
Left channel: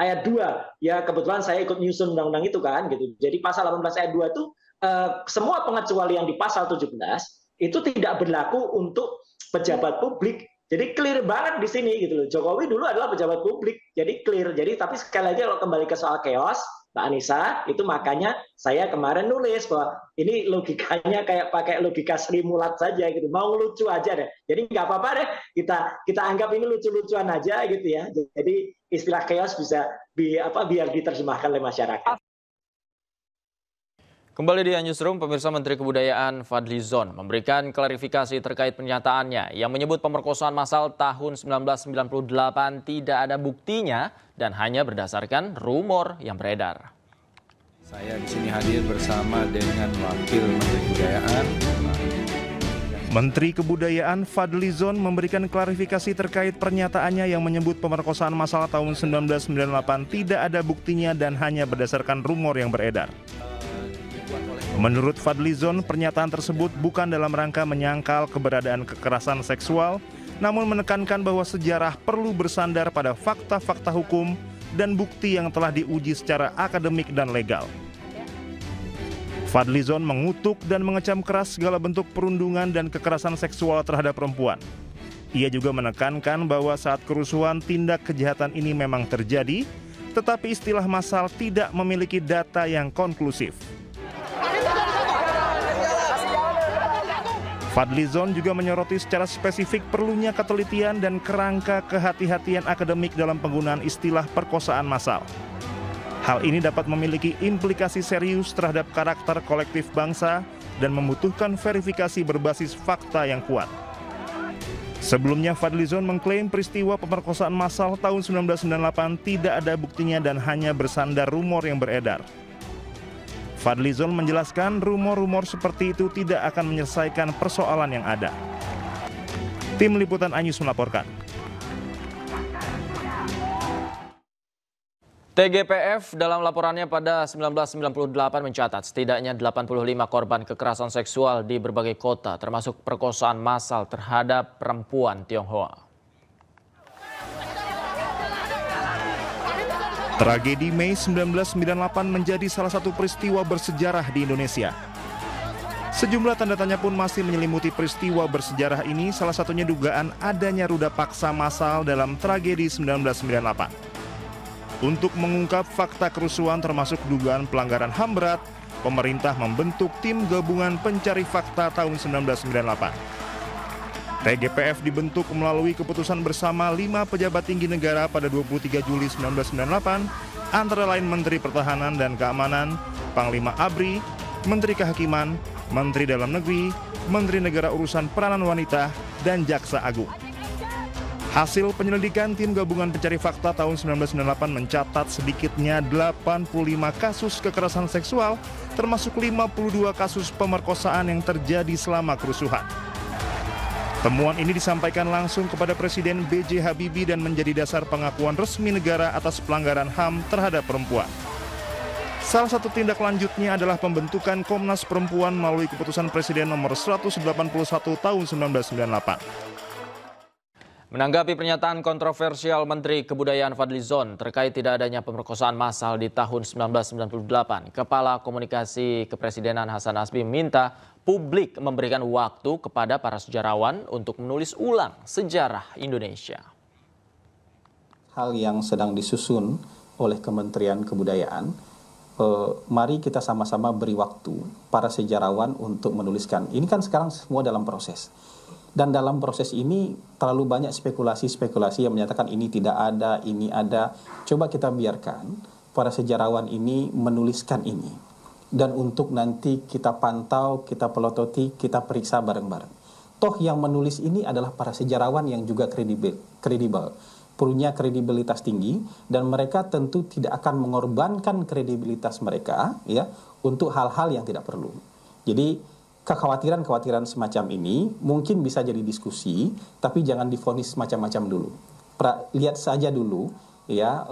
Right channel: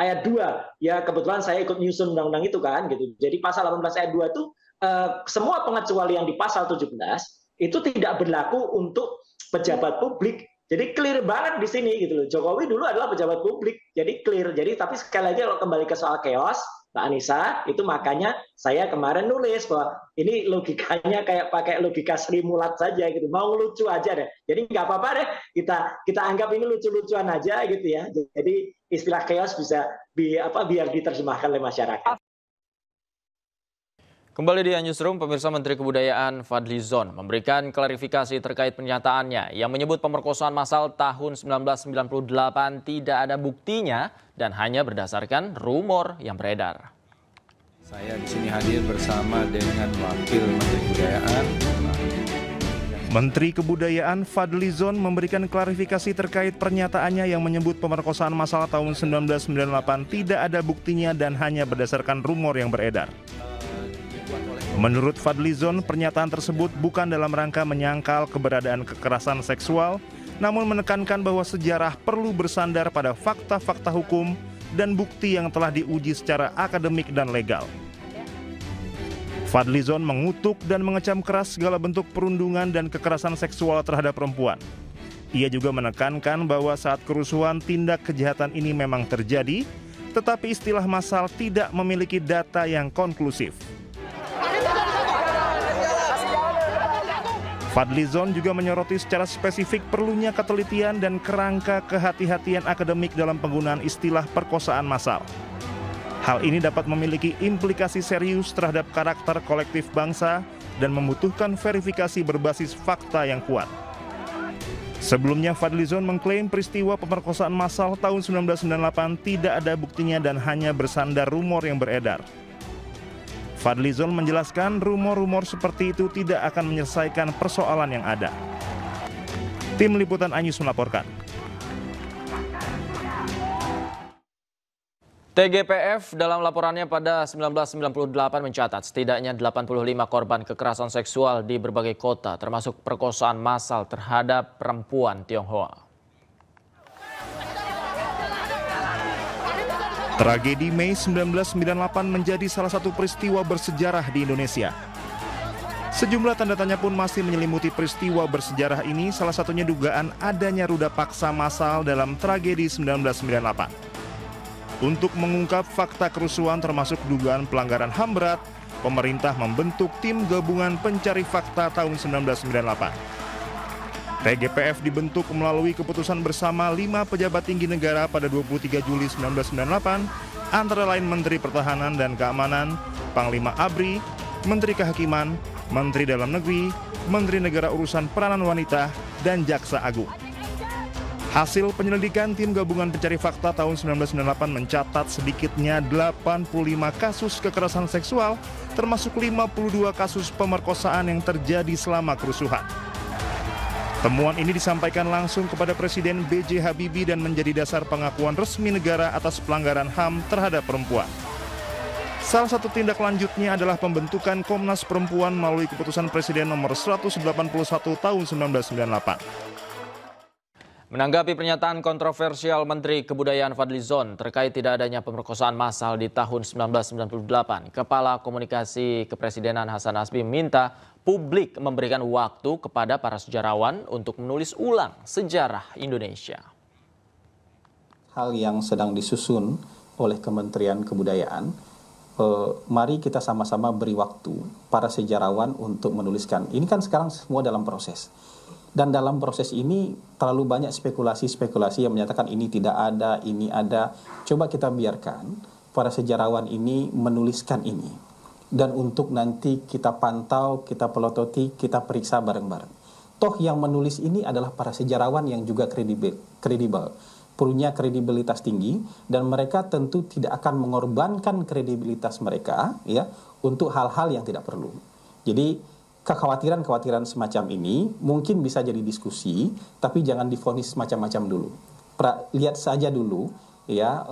ayat 2. Ya kebetulan saya ikut nyusun undang-undang itu kan gitu. Jadi pasal 18 ayat 2 itu semua pengecualian di pasal 17 itu tidak berlaku untuk pejabat publik. Jadi clear banget di sini gitu loh. Jokowi dulu adalah pejabat publik, jadi clear. Jadi tapi sekali lagi kalau kembali ke soal chaos, Mbak Anissa, itu makanya saya kemarin nulis bahwa ini logikanya kayak pakai logika Sri Mulat saja gitu. Mau lucu aja deh. Jadi nggak apa-apa deh. Kita anggap ini lucu-lucuan aja gitu ya. Jadi istilah chaos bisa biar diterjemahkan oleh masyarakat. Kembali di Newsroom, pemirsa, Menteri Kebudayaan Fadly Zon memberikan klarifikasi terkait pernyataannya yang menyebut pemerkosaan massal tahun 1998 tidak ada buktinya dan hanya berdasarkan rumor yang beredar. Saya di sini hadir bersama dengan Wakil Menteri Kebudayaan. Menteri Kebudayaan Fadly Zon memberikan klarifikasi terkait pernyataannya yang menyebut pemerkosaan massal tahun 1998 tidak ada buktinya dan hanya berdasarkan rumor yang beredar. Menurut Fadly Zon, pernyataan tersebut bukan dalam rangka menyangkal keberadaan kekerasan seksual, namun menekankan bahwa sejarah perlu bersandar pada fakta-fakta hukum dan bukti yang telah diuji secara akademik dan legal. Fadly Zon mengutuk dan mengecam keras segala bentuk perundungan dan kekerasan seksual terhadap perempuan. Ia juga menekankan bahwa saat kerusuhan tindak kejahatan ini memang terjadi, tetapi istilah massal tidak memiliki data yang konklusif. Fadly Zon juga menyoroti secara spesifik perlunya ketelitian dan kerangka kehati-hatian akademik dalam penggunaan istilah perkosaan massal. Hal ini dapat memiliki implikasi serius terhadap karakter kolektif bangsa dan membutuhkan verifikasi berbasis fakta yang kuat. Sebelumnya, Fadly Zon mengklaim peristiwa pemerkosaan massal tahun 1998 tidak ada buktinya dan hanya bersandar rumor yang beredar. Fadly Zon menjelaskan rumor-rumor seperti itu tidak akan menyelesaikan persoalan yang ada. Tim Liputan iNews melaporkan. TGPF dalam laporannya pada 1998 mencatat setidaknya 85 korban kekerasan seksual di berbagai kota, termasuk perkosaan massal terhadap perempuan Tionghoa. Tragedi Mei 1998 menjadi salah satu peristiwa bersejarah di Indonesia. Sejumlah tanda tanya pun masih menyelimuti peristiwa bersejarah ini, salah satunya dugaan adanya ruda paksa massal dalam tragedi 1998. Untuk mengungkap fakta kerusuhan termasuk dugaan pelanggaran HAM berat, pemerintah membentuk tim gabungan pencari fakta tahun 1998. TGPF dibentuk melalui keputusan bersama 5 pejabat tinggi negara pada 23 Juli 1998, antara lain Menteri Pertahanan dan Keamanan, Panglima ABRI, Menteri Kehakiman, Menteri Dalam Negeri, Menteri Negara Urusan Peranan Wanita, dan Jaksa Agung. Hasil penyelidikan tim gabungan pencari fakta tahun 1998 mencatat sedikitnya 85 kasus kekerasan seksual, termasuk 52 kasus pemerkosaan yang terjadi selama kerusuhan. Temuan ini disampaikan langsung kepada Presiden B.J. Habibie dan menjadi dasar pengakuan resmi negara atas pelanggaran HAM terhadap perempuan. Salah satu tindak lanjutnya adalah pembentukan Komnas Perempuan melalui keputusan Presiden nomor 181 tahun 1998. Menanggapi pernyataan kontroversial Menteri Kebudayaan Fadlizon terkait tidak adanya pemerkosaan massal di tahun 1998, Kepala Komunikasi Kepresidenan Hasan Nasbi minta publik memberikan waktu kepada para sejarawan untuk menulis ulang sejarah Indonesia. Hal yang sedang disusun oleh Kementerian Kebudayaan, mari kita sama-sama beri waktu para sejarawan untuk menuliskan. Ini kan sekarang semua dalam proses. Dan dalam proses ini terlalu banyak spekulasi-spekulasi yang menyatakan ini tidak ada, ini ada. Coba kita biarkan para sejarawan ini menuliskan ini. Dan untuk nanti kita pantau, kita pelototi, kita periksa bareng-bareng. Toh yang menulis ini adalah para sejarawan yang juga kredibel, punya kredibilitas tinggi, dan mereka tentu tidak akan mengorbankan kredibilitas mereka ya untuk hal-hal yang tidak perlu. Jadi kekhawatiran-kekhawatiran semacam ini mungkin bisa jadi diskusi, tapi jangan divonis macam-macam dulu. Lihat saja dulu ya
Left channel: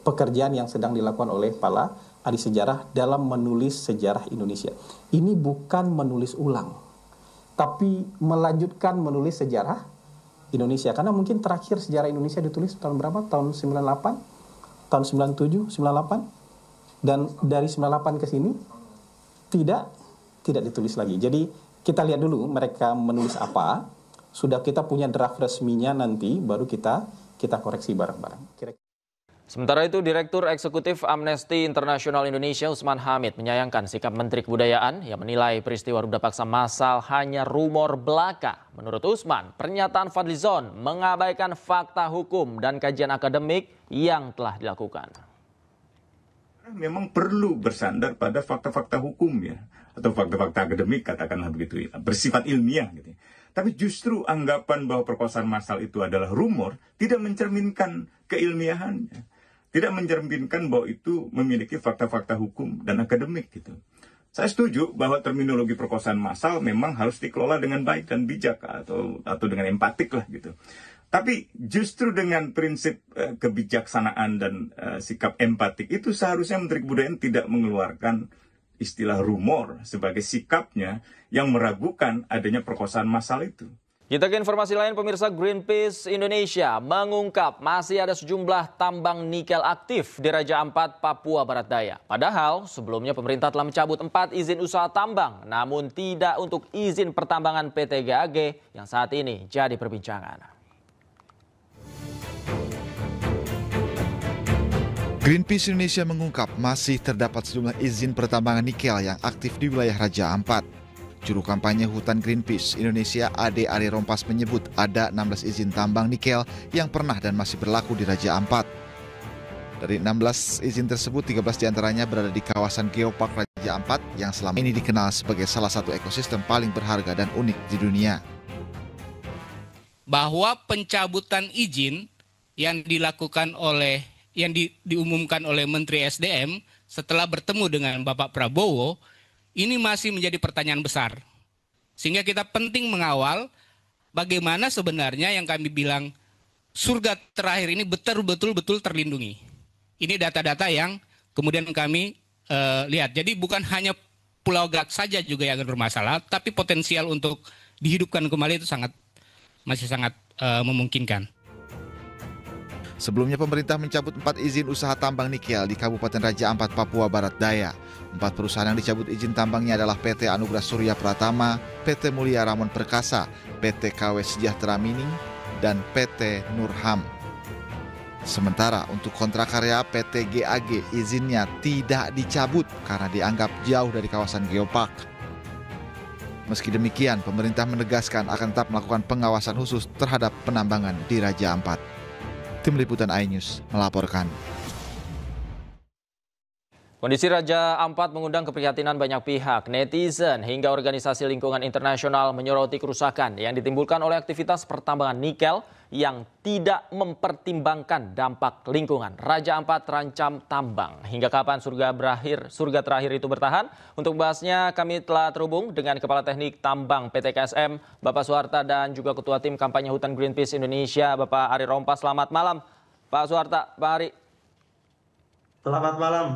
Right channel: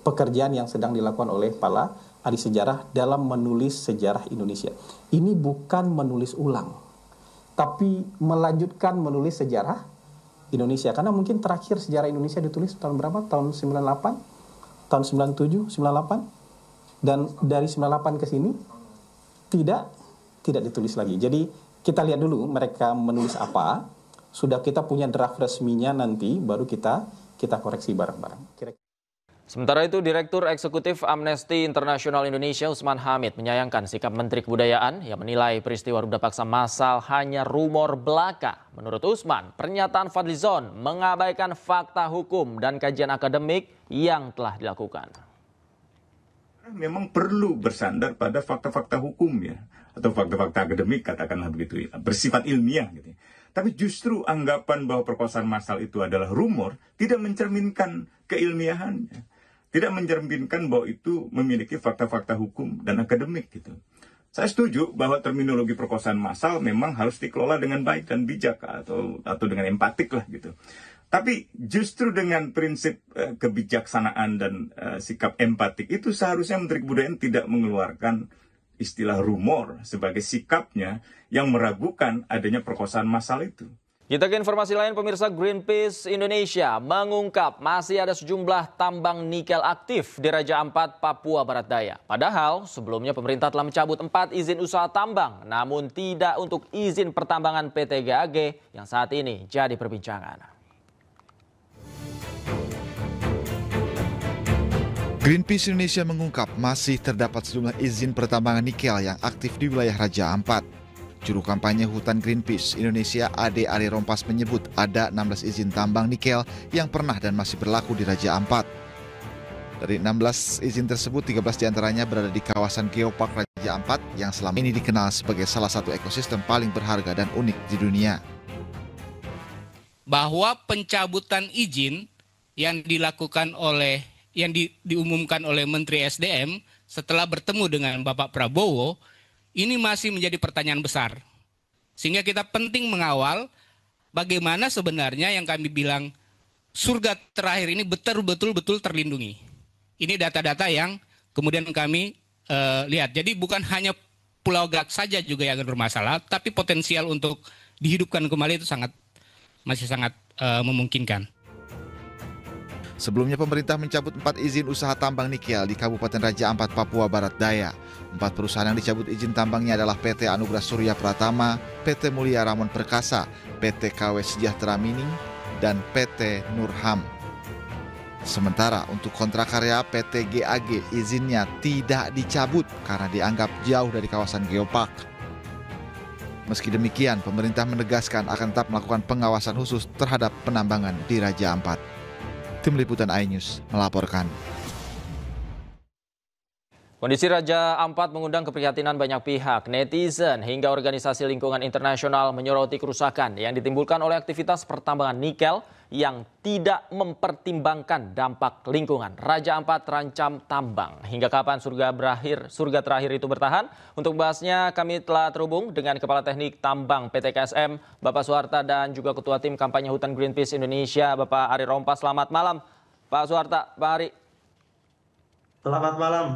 pekerjaan yang sedang dilakukan oleh para ahli sejarah dalam menulis sejarah Indonesia. Ini bukan menulis ulang, tapi melanjutkan menulis sejarah Indonesia. Karena mungkin terakhir sejarah Indonesia ditulis tahun berapa? Tahun 98, tahun 97, 98. Dan dari 98 ke sini tidak ditulis lagi. Jadi kita lihat dulu mereka menulis apa. Sudah kita punya draft resminya, nanti baru kita koreksi bareng-bareng. Sementara itu, Direktur Eksekutif Amnesty International Indonesia Usman Hamid menyayangkan sikap Menteri Kebudayaan yang menilai peristiwa ruda paksa massal hanya rumor belaka. Menurut Usman, pernyataan Fadlizon mengabaikan fakta hukum dan kajian akademik yang telah dilakukan. Memang perlu bersandar pada fakta-fakta hukum ya, atau fakta-fakta akademik, katakanlah begitu ya, bersifat ilmiah gitu. Tapi justru anggapan bahwa perkosaan massal itu adalah rumor tidak mencerminkan keilmiahannya, tidak mencerminkan bahwa itu memiliki fakta-fakta hukum dan akademik gitu. Saya setuju bahwa terminologi perkosaan massal memang harus dikelola dengan baik dan bijak atau dengan empatik lah gitu. Tapi justru dengan prinsip kebijaksanaan dan sikap empatik itu seharusnya Menteri Kebudayaan tidak mengeluarkan istilah rumor sebagai sikapnya yang meragukan adanya perkosaan massal itu. Kita ke informasi lain, pemirsa. Greenpeace Indonesia mengungkap masih ada sejumlah tambang nikel aktif di Raja Ampat, Papua Barat Daya. Padahal sebelumnya pemerintah telah mencabut 4 izin usaha tambang, namun tidak untuk izin pertambangan PT GAG yang saat ini jadi perbincangan. Greenpeace Indonesia mengungkap masih terdapat sejumlah izin pertambangan nikel yang aktif di wilayah Raja Ampat. Juru kampanye Hutan Greenpeace Indonesia Ade Ari Rompas menyebut ada 16 izin tambang nikel yang pernah dan masih berlaku di Raja Ampat. Dari 16 izin tersebut, 13 diantaranya berada di kawasan Geopark Raja Ampat yang selama ini dikenal sebagai salah satu ekosistem paling berharga dan unik di dunia. Bahwa pencabutan izin yang dilakukan oleh diumumkan oleh Menteri SDM setelah bertemu dengan Bapak Prabowo, ini masih menjadi pertanyaan besar. Sehingga kita penting mengawal bagaimana sebenarnya yang kami bilang surga terakhir ini betul-betul terlindungi. Ini data-data yang kemudian kami lihat. Jadi bukan hanya Pulau Gak saja juga yang bermasalah, tapi potensial untuk dihidupkan kembali itu masih sangat memungkinkan. Sebelumnya pemerintah mencabut 4 izin usaha tambang nikel di Kabupaten Raja Ampat, Papua Barat Daya. 4 perusahaan yang dicabut izin tambangnya adalah PT Anugerah Surya Pratama, PT Mulia Ramon Perkasa, PT KW Sejahtera Mining, dan PT Nurham. Sementara untuk kontrak karya PT GAG izinnya tidak dicabut karena dianggap jauh dari kawasan geopark. Meski demikian, pemerintah menegaskan akan tetap melakukan pengawasan khusus terhadap penambangan di Raja Ampat. Tim Liputan iNews melaporkan. Kondisi Raja Ampat mengundang keprihatinan banyak pihak. Netizen hingga organisasi lingkungan internasional menyoroti kerusakan yang ditimbulkan oleh aktivitas pertambangan nikel yang tidak mempertimbangkan dampak lingkungan. Raja Ampat terancam tambang. Hingga kapan surga terakhir itu bertahan? Untuk membahasnya kami telah terhubung dengan Kepala Teknik Tambang PT KSM, Bapak Suharta, dan juga Ketua Tim Kampanye Hutan Greenpeace Indonesia, Bapak Ari Rompas. Selamat malam, Pak Suharta, Pak Ari. Selamat malam.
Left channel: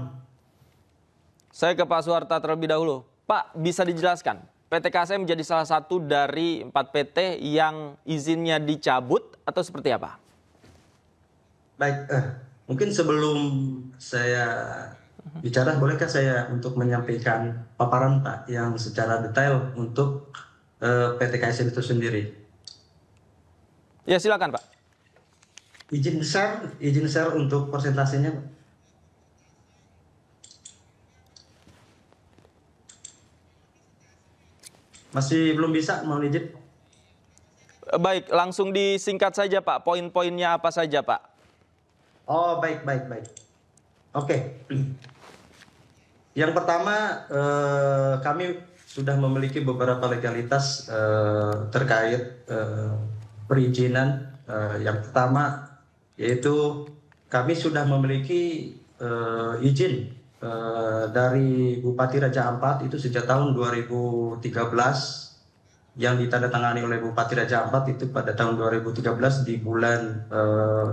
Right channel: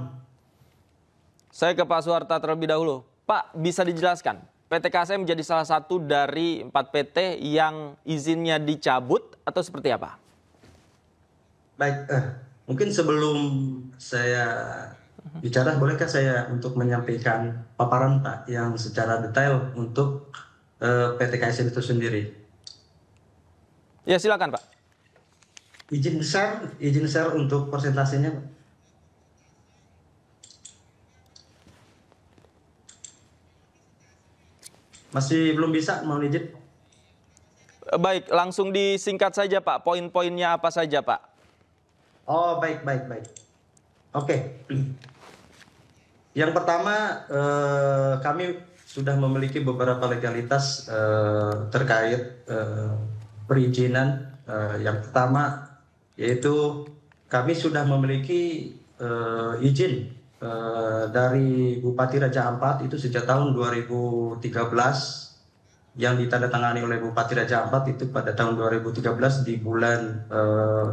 Saya ke Pak Suharta terlebih dahulu. Pak, bisa dijelaskan, PT KSM menjadi salah satu dari 4 PT yang izinnya dicabut atau seperti apa? Baik, mungkin sebelum saya bicara, bolehkah saya untuk menyampaikan paparan Pak yang secara detail untuk PT KSM itu sendiri? Ya, silakan Pak. Izin besar untuk persentasenya Pak. Masih belum bisa, mohon izin. Baik, langsung disingkat saja Pak, poin-poinnya apa saja Pak? Oh, baik. Oke. Yang pertama, kami sudah memiliki beberapa legalitas terkait perizinan. Yang pertama, yaitu kami sudah memiliki izin dari Bupati Raja Ampat itu sejak tahun 2013 yang ditandatangani oleh Bupati Raja Ampat itu pada tahun 2013 di bulan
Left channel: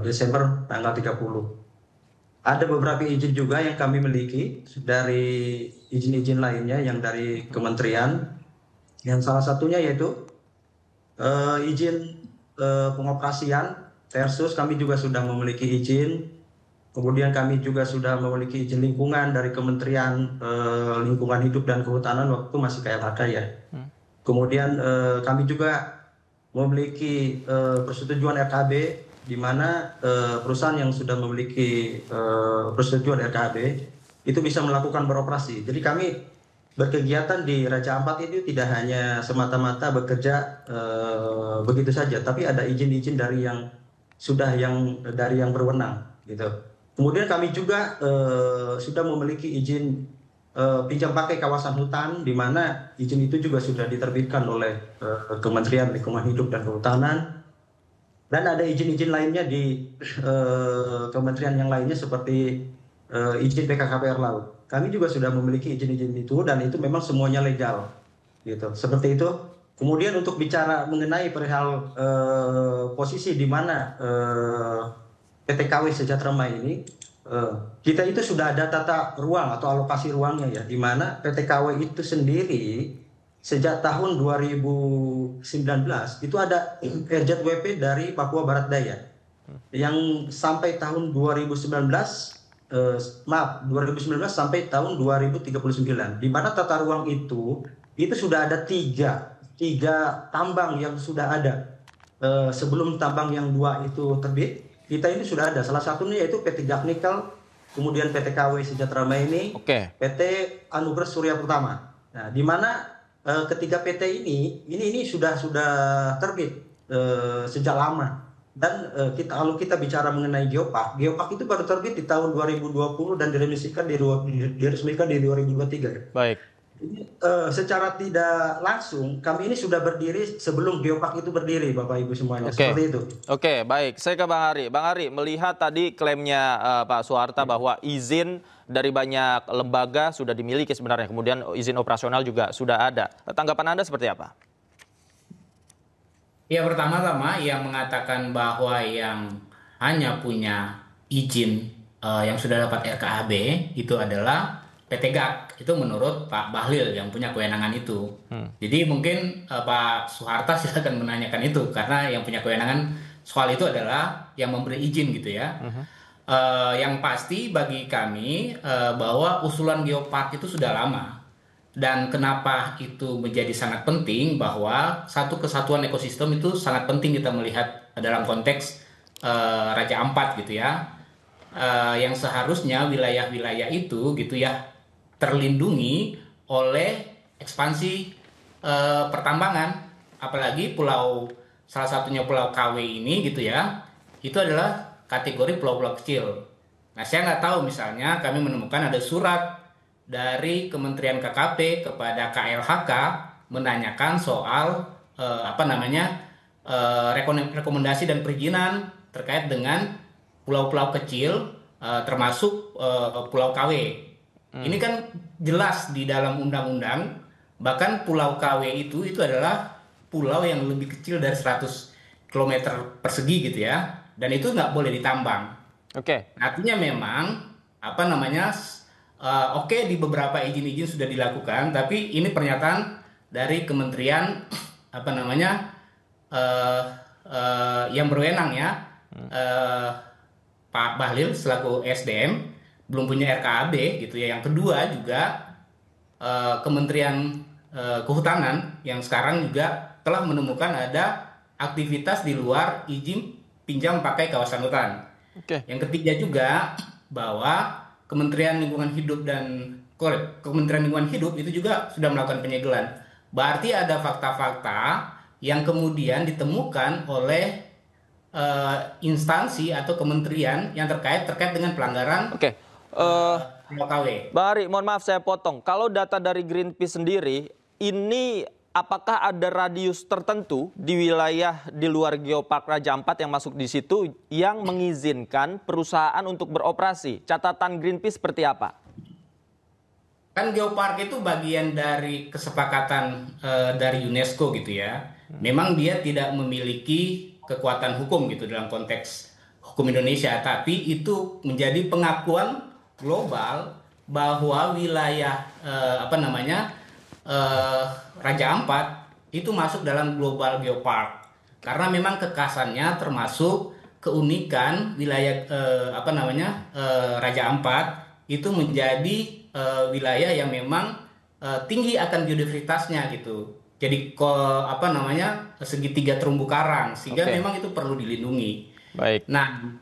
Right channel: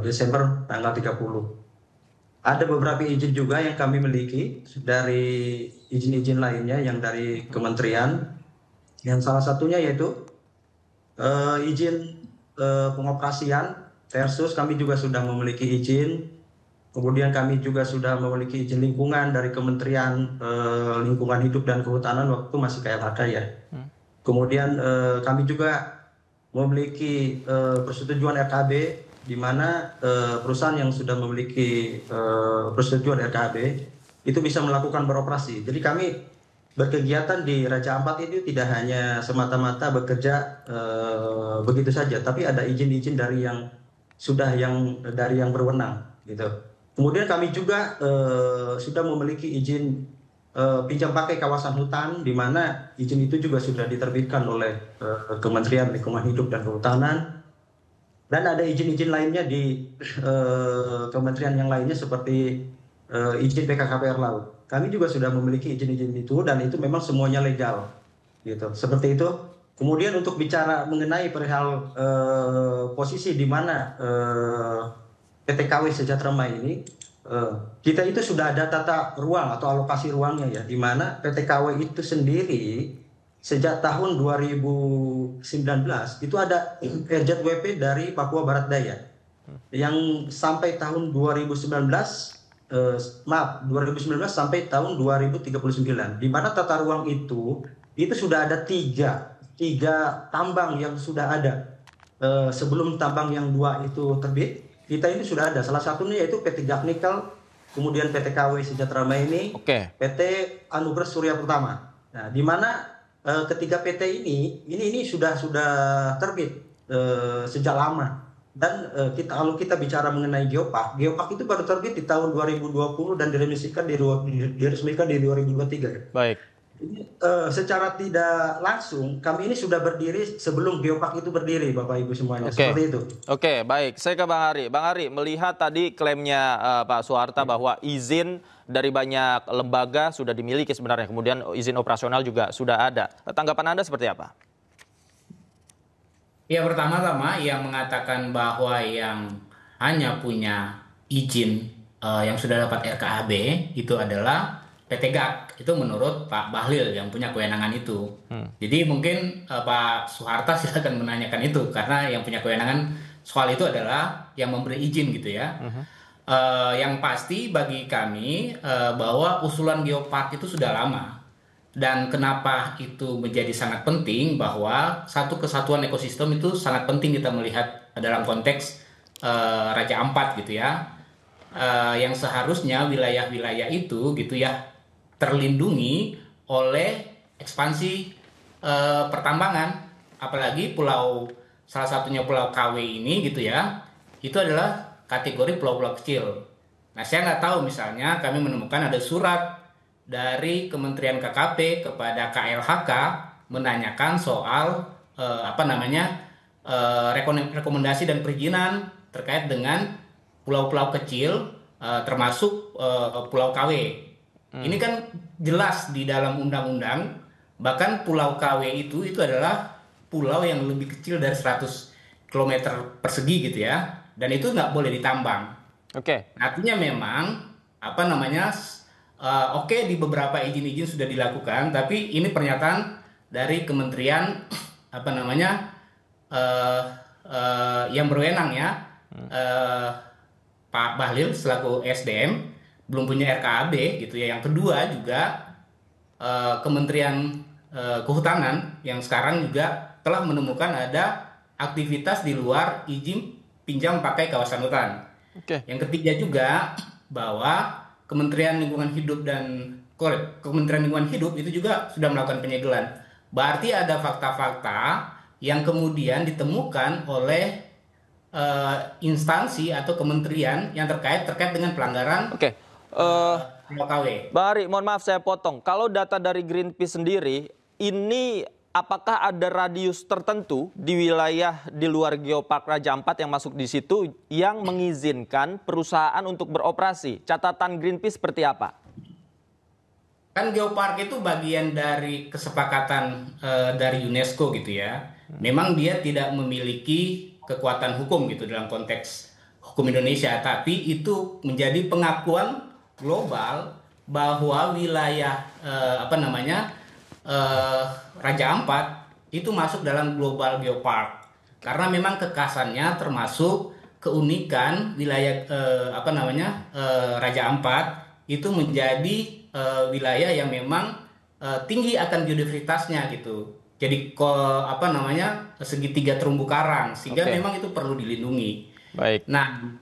Desember tanggal 30. Ada beberapa izin juga yang kami miliki dari izin-izin lainnya yang dari kementerian, yang salah satunya yaitu izin pengoperasian versus kami juga sudah memiliki izin. Kemudian kami juga sudah memiliki izin lingkungan dari Kementerian Lingkungan Hidup dan Kehutanan waktu masih KLHK ya. Kemudian kami juga memiliki persetujuan RKB, di mana perusahaan yang sudah memiliki persetujuan RKB itu bisa melakukan beroperasi. Jadi kami berkegiatan di Raja Ampat ini tidak hanya semata-mata bekerja begitu saja, tapi ada izin-izin dari yang berwenang gitu. Kemudian kami juga sudah memiliki izin pinjam pakai kawasan hutan, di mana izin itu juga sudah diterbitkan oleh Kementerian Lingkungan Hidup dan Kehutanan. Dan ada izin-izin lainnya di kementerian yang lainnya seperti izin PKKPR Laut. Kami juga sudah memiliki izin-izin itu dan itu memang semuanya legal, gitu. Seperti itu. Kemudian untuk bicara mengenai perihal posisi di mana PT KW Sejahtera ini, kita itu sudah ada tata ruang atau alokasi ruangnya ya, di mana PT KW itu sendiri sejak tahun 2019 itu ada RZWP dari Papua Barat Daya yang sampai tahun 2019 sampai tahun 2039, di mana tata ruang itu sudah ada tiga tambang yang sudah ada sebelum tambang yang 2 itu terbit. Kita ini sudah ada, salah satunya yaitu PT Gaknikel, kemudian PT KW Sejahtera ini, PT Anugerah Surya Pratama. Nah, di mana ketiga PT ini sudah terbit sejak lama. Dan kalau kita bicara mengenai geopark itu baru terbit di tahun 2020 dan diresmikan di 2023. Baik. Secara tidak langsung kami ini sudah berdiri sebelum geopark itu berdiri, Bapak Ibu semuanya. Seperti itu. Oke, baik. Saya ke Bang Ari. Bang Ari, melihat tadi klaimnya Pak Suharta bahwa izin dari banyak lembaga sudah dimiliki sebenarnya, kemudian izin operasional juga sudah ada. Tanggapan Anda seperti apa? Ya, pertama-tama yang mengatakan bahwa yang hanya punya izin yang sudah dapat RKAB itu adalah PT GAG, itu menurut Pak Bahlil yang punya kewenangan itu. Jadi mungkin Pak Suharta silakan menanyakan itu, karena yang punya kewenangan soal itu adalah yang memberi izin gitu ya. Yang pasti bagi kami bahwa usulan geopark itu sudah lama. Dan kenapa itu menjadi sangat penting, bahwa satu kesatuan ekosistem itu sangat penting kita melihat dalam konteks Raja Ampat gitu ya. Yang seharusnya wilayah-wilayah itu gitu ya terlindungi oleh ekspansi pertambangan, apalagi salah satunya Pulau KW ini gitu ya, itu adalah kategori pulau-pulau kecil. Nah, saya nggak tahu, misalnya kami menemukan ada surat dari Kementerian KKP kepada KLHK menanyakan soal rekomendasi dan perizinan terkait dengan pulau-pulau kecil, termasuk Pulau KW. Ini kan jelas di dalam undang-undang, bahkan Pulau KW itu adalah pulau yang lebih kecil dari 100 km persegi gitu ya, dan itu nggak boleh ditambang. Oke. Artinya memang oke, di beberapa izin-izin sudah dilakukan, tapi ini pernyataan dari Kementerian yang berwenang ya, Pak Bahlil selaku SDM belum punya RKAB gitu ya. Yang kedua juga Kementerian Kehutanan yang sekarang juga telah menemukan ada aktivitas di luar izin pinjam pakai kawasan hutan. Yang ketiga juga bahwa Kementerian Lingkungan Hidup itu juga sudah melakukan penyegelan. Berarti ada fakta-fakta yang kemudian ditemukan oleh instansi atau kementerian yang terkait dengan pelanggaran. Bang Ari, mohon maaf saya potong. Kalau data dari Greenpeace sendiri, ini apakah ada radius tertentu di wilayah di luar Geopark Raja Ampat yang masuk di situ yang mengizinkan perusahaan untuk beroperasi? Catatan Greenpeace seperti apa? Kan Geopark itu bagian dari kesepakatan dari UNESCO gitu ya. Memang dia tidak memiliki kekuatan hukum gitu dalam konteks hukum Indonesia, tapi itu menjadi pengakuan global bahwa wilayah Raja Ampat itu masuk dalam global geopark, karena memang kekhasannya termasuk keunikan wilayah Raja Ampat itu menjadi wilayah yang memang tinggi akan biodiversitasnya gitu. Jadi segitiga terumbu karang, sehingga memang itu perlu dilindungi. Baik. Nah,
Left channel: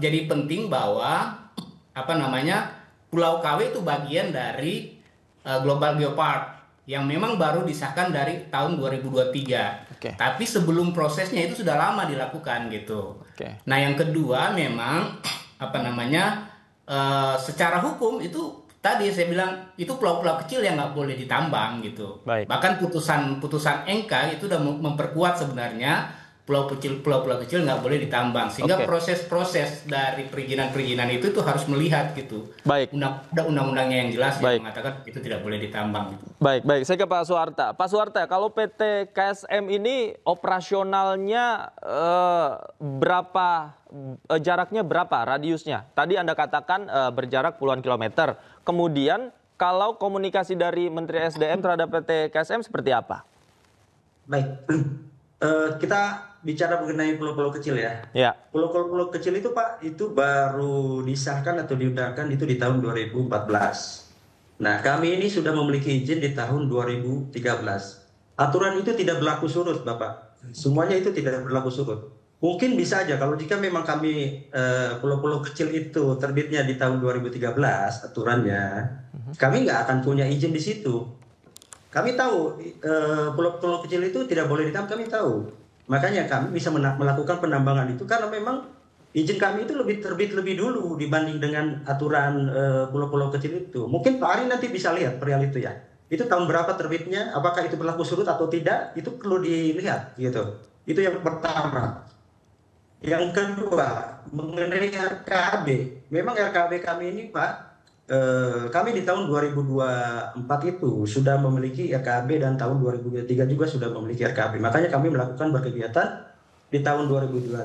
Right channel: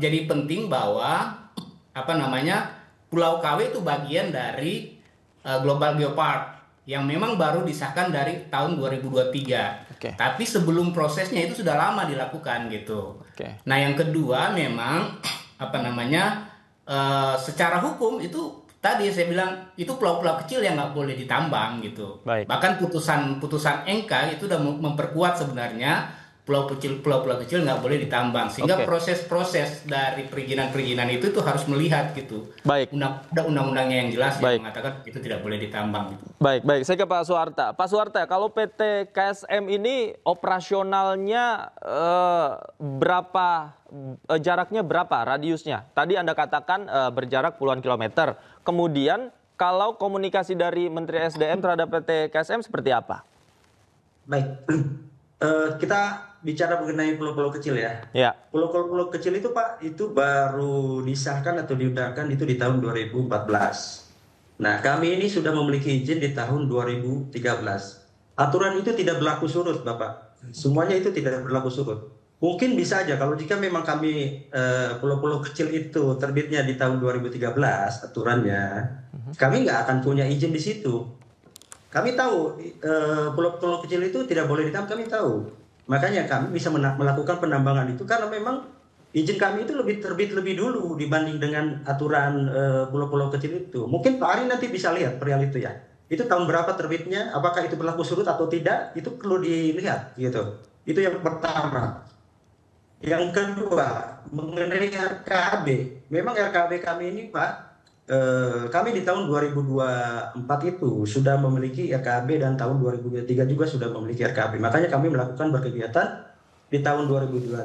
jadi penting bahwa Pulau KW itu bagian dari global geopark yang memang baru disahkan dari tahun 2023. Tapi sebelum prosesnya itu sudah lama dilakukan gitu. Nah, yang kedua memang secara hukum itu tadi saya bilang itu pulau-pulau kecil yang nggak boleh ditambang gitu. Bahkan putusan MK itu sudah memperkuat sebenarnya pulau-pulau kecil nggak boleh ditambang, sehingga proses-proses dari perizinan itu harus melihat gitu. Undang-undangnya yang jelas yang mengatakan itu tidak boleh ditambang. Gitu. Baik. Saya ke Pak Suharta. Pak Suharta, kalau PT KSM ini operasionalnya jaraknya berapa radiusnya? Tadi Anda katakan berjarak puluhan kilometer. Kemudian kalau komunikasi dari Menteri SDM terhadap PT KSM seperti apa? Baik. Kita bicara mengenai pulau-pulau kecil ya. Pulau-pulau kecil itu Pak, itu baru disahkan atau diundangkan itu di tahun 2014. Nah, kami ini sudah memiliki izin di tahun 2013. Aturan itu tidak berlaku surut Bapak. Semuanya itu tidak berlaku surut. Mungkin bisa aja kalau jika memang kami pulau-pulau kecil itu terbitnya di tahun 2013 aturannya, kami nggak akan punya izin di situ. Kami tahu pulau-pulau kecil itu tidak boleh ditambang, kami tahu. Makanya kami bisa melakukan penambangan itu karena memang izin kami itu terbit lebih dulu dibanding dengan aturan pulau-pulau kecil itu. Mungkin Pak Ari nanti bisa lihat perihal itu ya. Itu tahun berapa terbitnya, apakah itu berlaku surut atau tidak, itu perlu dilihat gitu. Itu yang pertama. Yang kedua, mengenai RKAB. Memang RKAB kami ini Pak, kami di tahun 2024 itu sudah memiliki RKAB dan tahun 2023 juga sudah memiliki RKAB. Makanya kami melakukan berkegiatan di tahun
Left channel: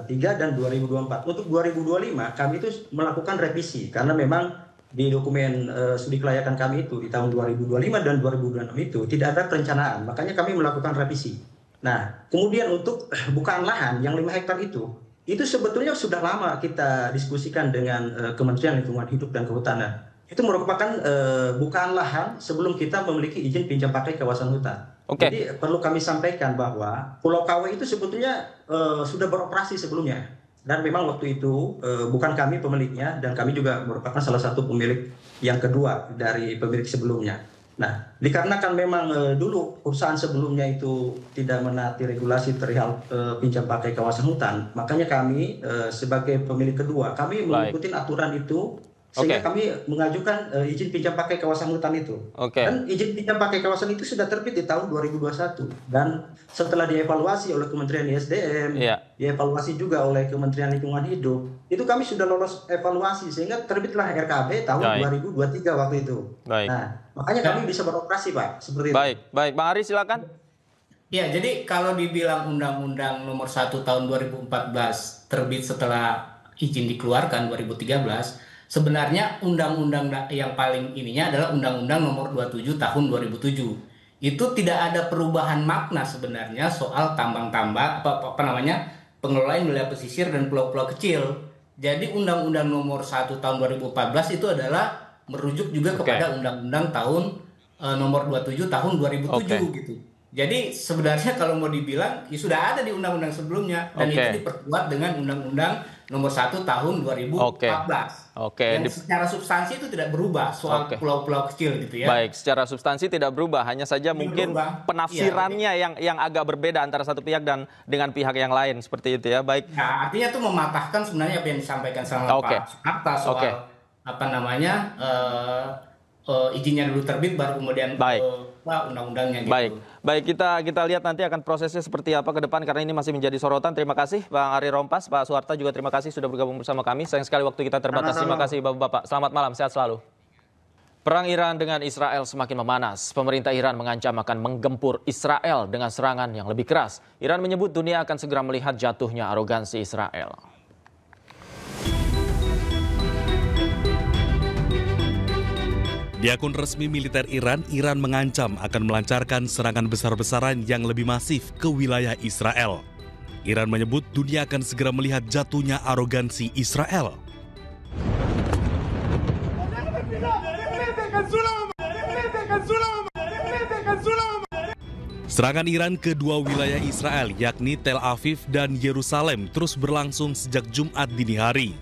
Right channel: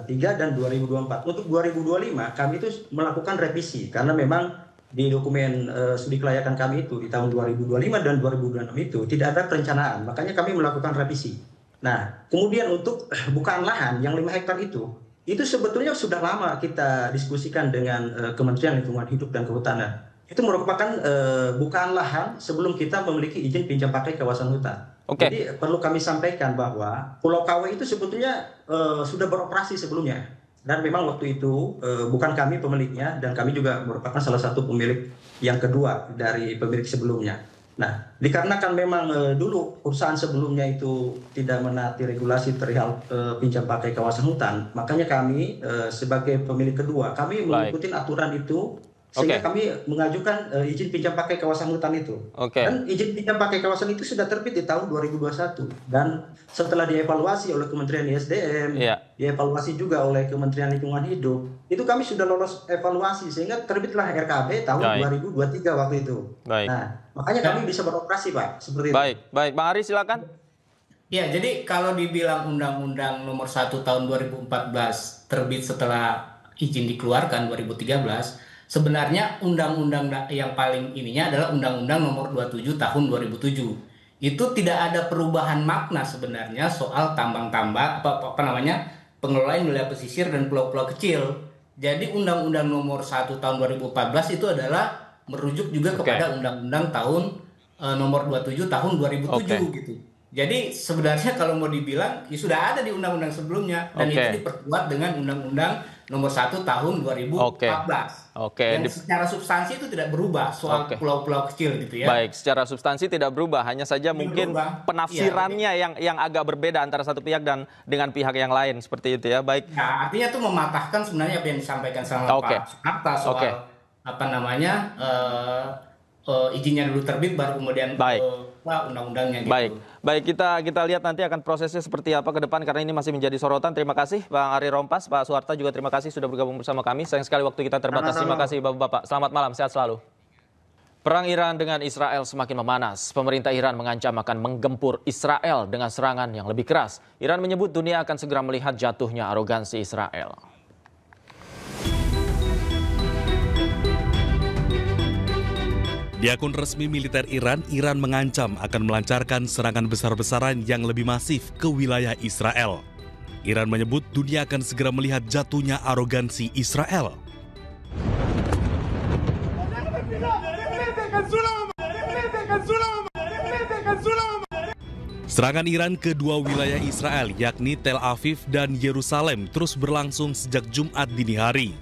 2023 dan 2024. Untuk 2025 kami itu melakukan revisi karena memang di dokumen studi kelayakan kami itu di tahun 2025 dan 2026 itu tidak ada perencanaan. Makanya kami melakukan revisi. Nah, kemudian untuk bukaan lahan yang 5 hektar itu sebetulnya sudah lama kita diskusikan dengan Kementerian Lingkungan Hidup dan Kehutanan. Itu merupakan bukaan lahan sebelum kita memiliki izin pinjam pakai kawasan hutan. Jadi perlu kami sampaikan bahwa Pulau Kawe itu sebetulnya sudah beroperasi sebelumnya. Dan memang waktu itu bukan kami pemiliknya, dan kami juga merupakan salah satu pemilik yang kedua dari pemilik sebelumnya. Nah, dikarenakan memang dulu perusahaan sebelumnya itu tidak menaati regulasi perihal pinjam pakai kawasan hutan, makanya kami sebagai pemilik kedua, kami mengikuti aturan itu, sehingga kami mengajukan izin pinjam pakai kawasan hutan itu. Dan izin pinjam pakai kawasan itu sudah terbit di tahun 2021. Dan setelah dievaluasi oleh Kementerian SDM, dievaluasi juga oleh Kementerian Lingkungan Hidup, itu kami sudah lolos evaluasi, sehingga terbitlah RKB tahun 2023 waktu itu. Nah, makanya kami bisa beroperasi, Pak, seperti itu. Baik, Bang Ari silakan. Ya, jadi kalau dibilang Undang-Undang Nomor 1 Tahun 2014 terbit setelah izin dikeluarkan 2013, sebenarnya undang-undang yang paling ininya adalah Undang-Undang Nomor 27 Tahun 2007. Itu tidak ada perubahan makna sebenarnya soal tambang-tambang pengelolaan wilayah pesisir dan pulau-pulau kecil. Jadi Undang-Undang Nomor 1 Tahun 2014 itu adalah merujuk juga kepada Undang-Undang Tahun Nomor 27 Tahun 2007 gitu. Jadi sebenarnya kalau mau dibilang ya sudah ada di undang-undang sebelumnya, dan itu diperkuat dengan Undang-Undang Nomor 1 Tahun 2014. Yang secara substansi itu tidak berubah soal pulau-pulau kecil gitu ya. Baik, secara substansi tidak berubah, hanya saja mungkin penafsirannya yang agak berbeda antara satu pihak dan dengan pihak yang lain seperti itu ya. Baik. Nah, artinya itu mematahkan sebenarnya apa yang disampaikan sama Pak Suharta soal izinnya dulu terbit baru kemudian undang-undangnya gitu. Baik, kita lihat nanti akan prosesnya seperti apa ke depan, karena ini masih menjadi sorotan. Terima kasih Bang Ari Rompas, Pak Suharta juga terima kasih sudah bergabung bersama kami. Sayang sekali waktu kita terbatas. Terima kasih Bapak-bapak. Selamat malam, sehat selalu. Perang Iran dengan Israel semakin memanas. Pemerintah Iran mengancam akan menggempur Israel dengan serangan yang lebih keras. Iran menyebut dunia akan segera melihat jatuhnya arogansi Israel. Di akun resmi militer Iran, Iran mengancam akan melancarkan serangan besar-besaran yang lebih masif ke wilayah Israel. Iran menyebut dunia akan segera melihat jatuhnya arogansi Israel. Serangan Iran ke dua wilayah Israel, yakni Tel Aviv dan Yerusalem, terus berlangsung sejak Jumat dini hari.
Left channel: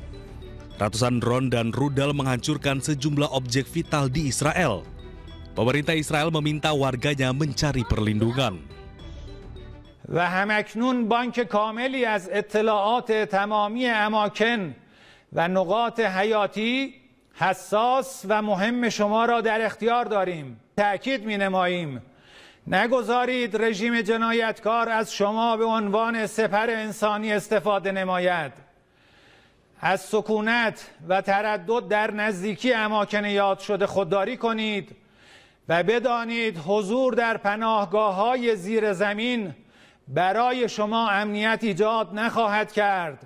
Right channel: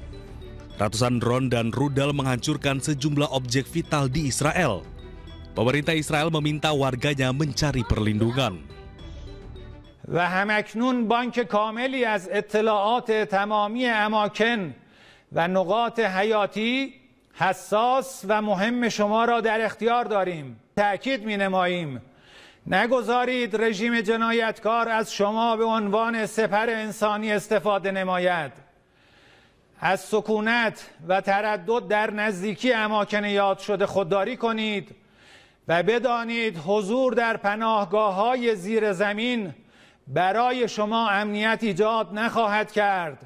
Ratusan drone dan rudal menghancurkan sejumlah objek vital di Israel. Pemerintah Israel meminta warganya mencari perlindungan. و همکنون بانک کاملی از اطلاعات تمامی اماکن و نقاط حیاتی حساس و مهم شما را در اختیار داریم. تأکید می‌نماییم نگذارید رژیم جنایتکار از شما به عنوان سپر انسانی استفاده نماید. از سکونت و تردد در نزدیکی اماکن یاد شده خودداری کنید و بدانید حضور در پناهگاه‌های زیر زمین برای شما امنیت ایجاد نخواهد کرد.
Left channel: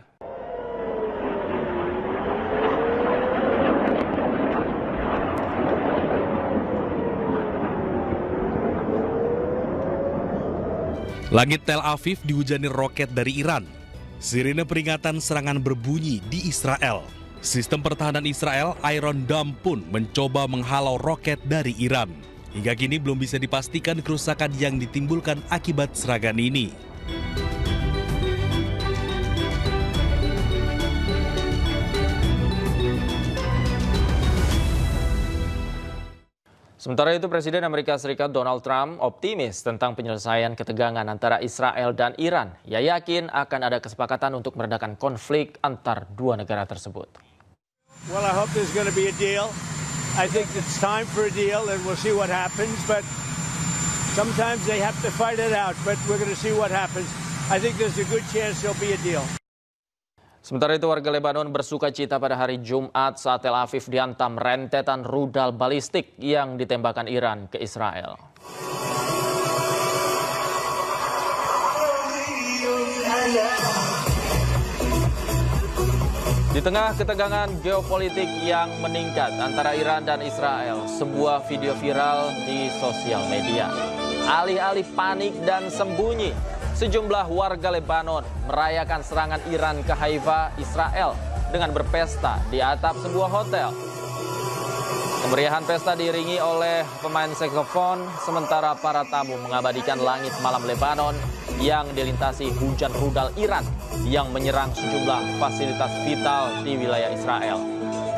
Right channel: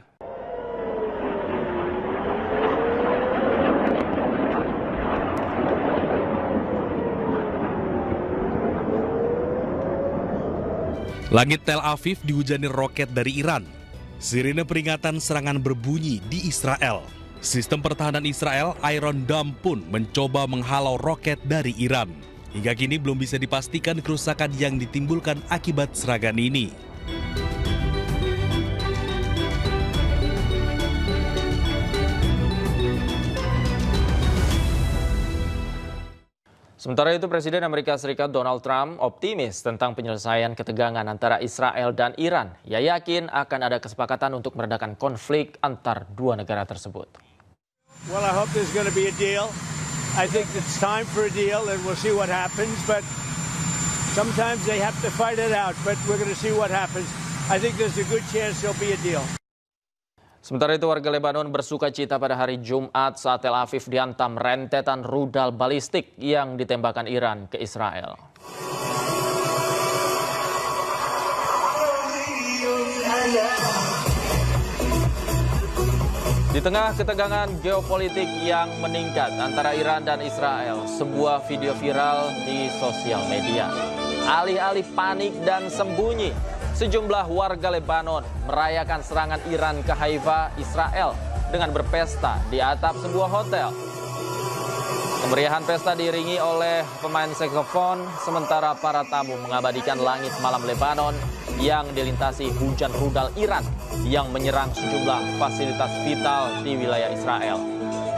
Langit Tel Aviv dihujani roket dari Iran. Sirine peringatan serangan berbunyi di Israel. Sistem pertahanan Israel, Iron Dome pun mencoba menghalau roket dari Iran. Hingga kini belum bisa dipastikan kerusakan yang ditimbulkan akibat serangan ini. Sementara itu, Presiden Amerika Serikat Donald Trump optimis tentang penyelesaian ketegangan antara Israel dan Iran. Ia yakin akan ada kesepakatan untuk meredakan konflik antar dua negara tersebut. Well, I hope there's going to be a deal. I think it's time for a deal and we'll see what happens, but sometimes they have to fight it out, but we're going to see what happens. I think there's a good chance there'll be a deal. Sementara itu, warga Lebanon bersuka cita pada hari Jumat saat Tel Aviv dihantam rentetan rudal balistik yang ditembakkan Iran ke Israel. Di tengah ketegangan geopolitik yang meningkat antara Iran dan Israel, sebuah video viral di sosial media. Alih-alih panik dan sembunyi, Sejumlah warga Lebanon merayakan serangan Iran ke Haifa, Israel dengan berpesta di atap sebuah hotel. Kemeriahan pesta diiringi oleh pemain saksofon, sementara para tamu mengabadikan langit malam Lebanon yang dilintasi hujan rudal Iran yang menyerang sejumlah fasilitas vital di wilayah Israel.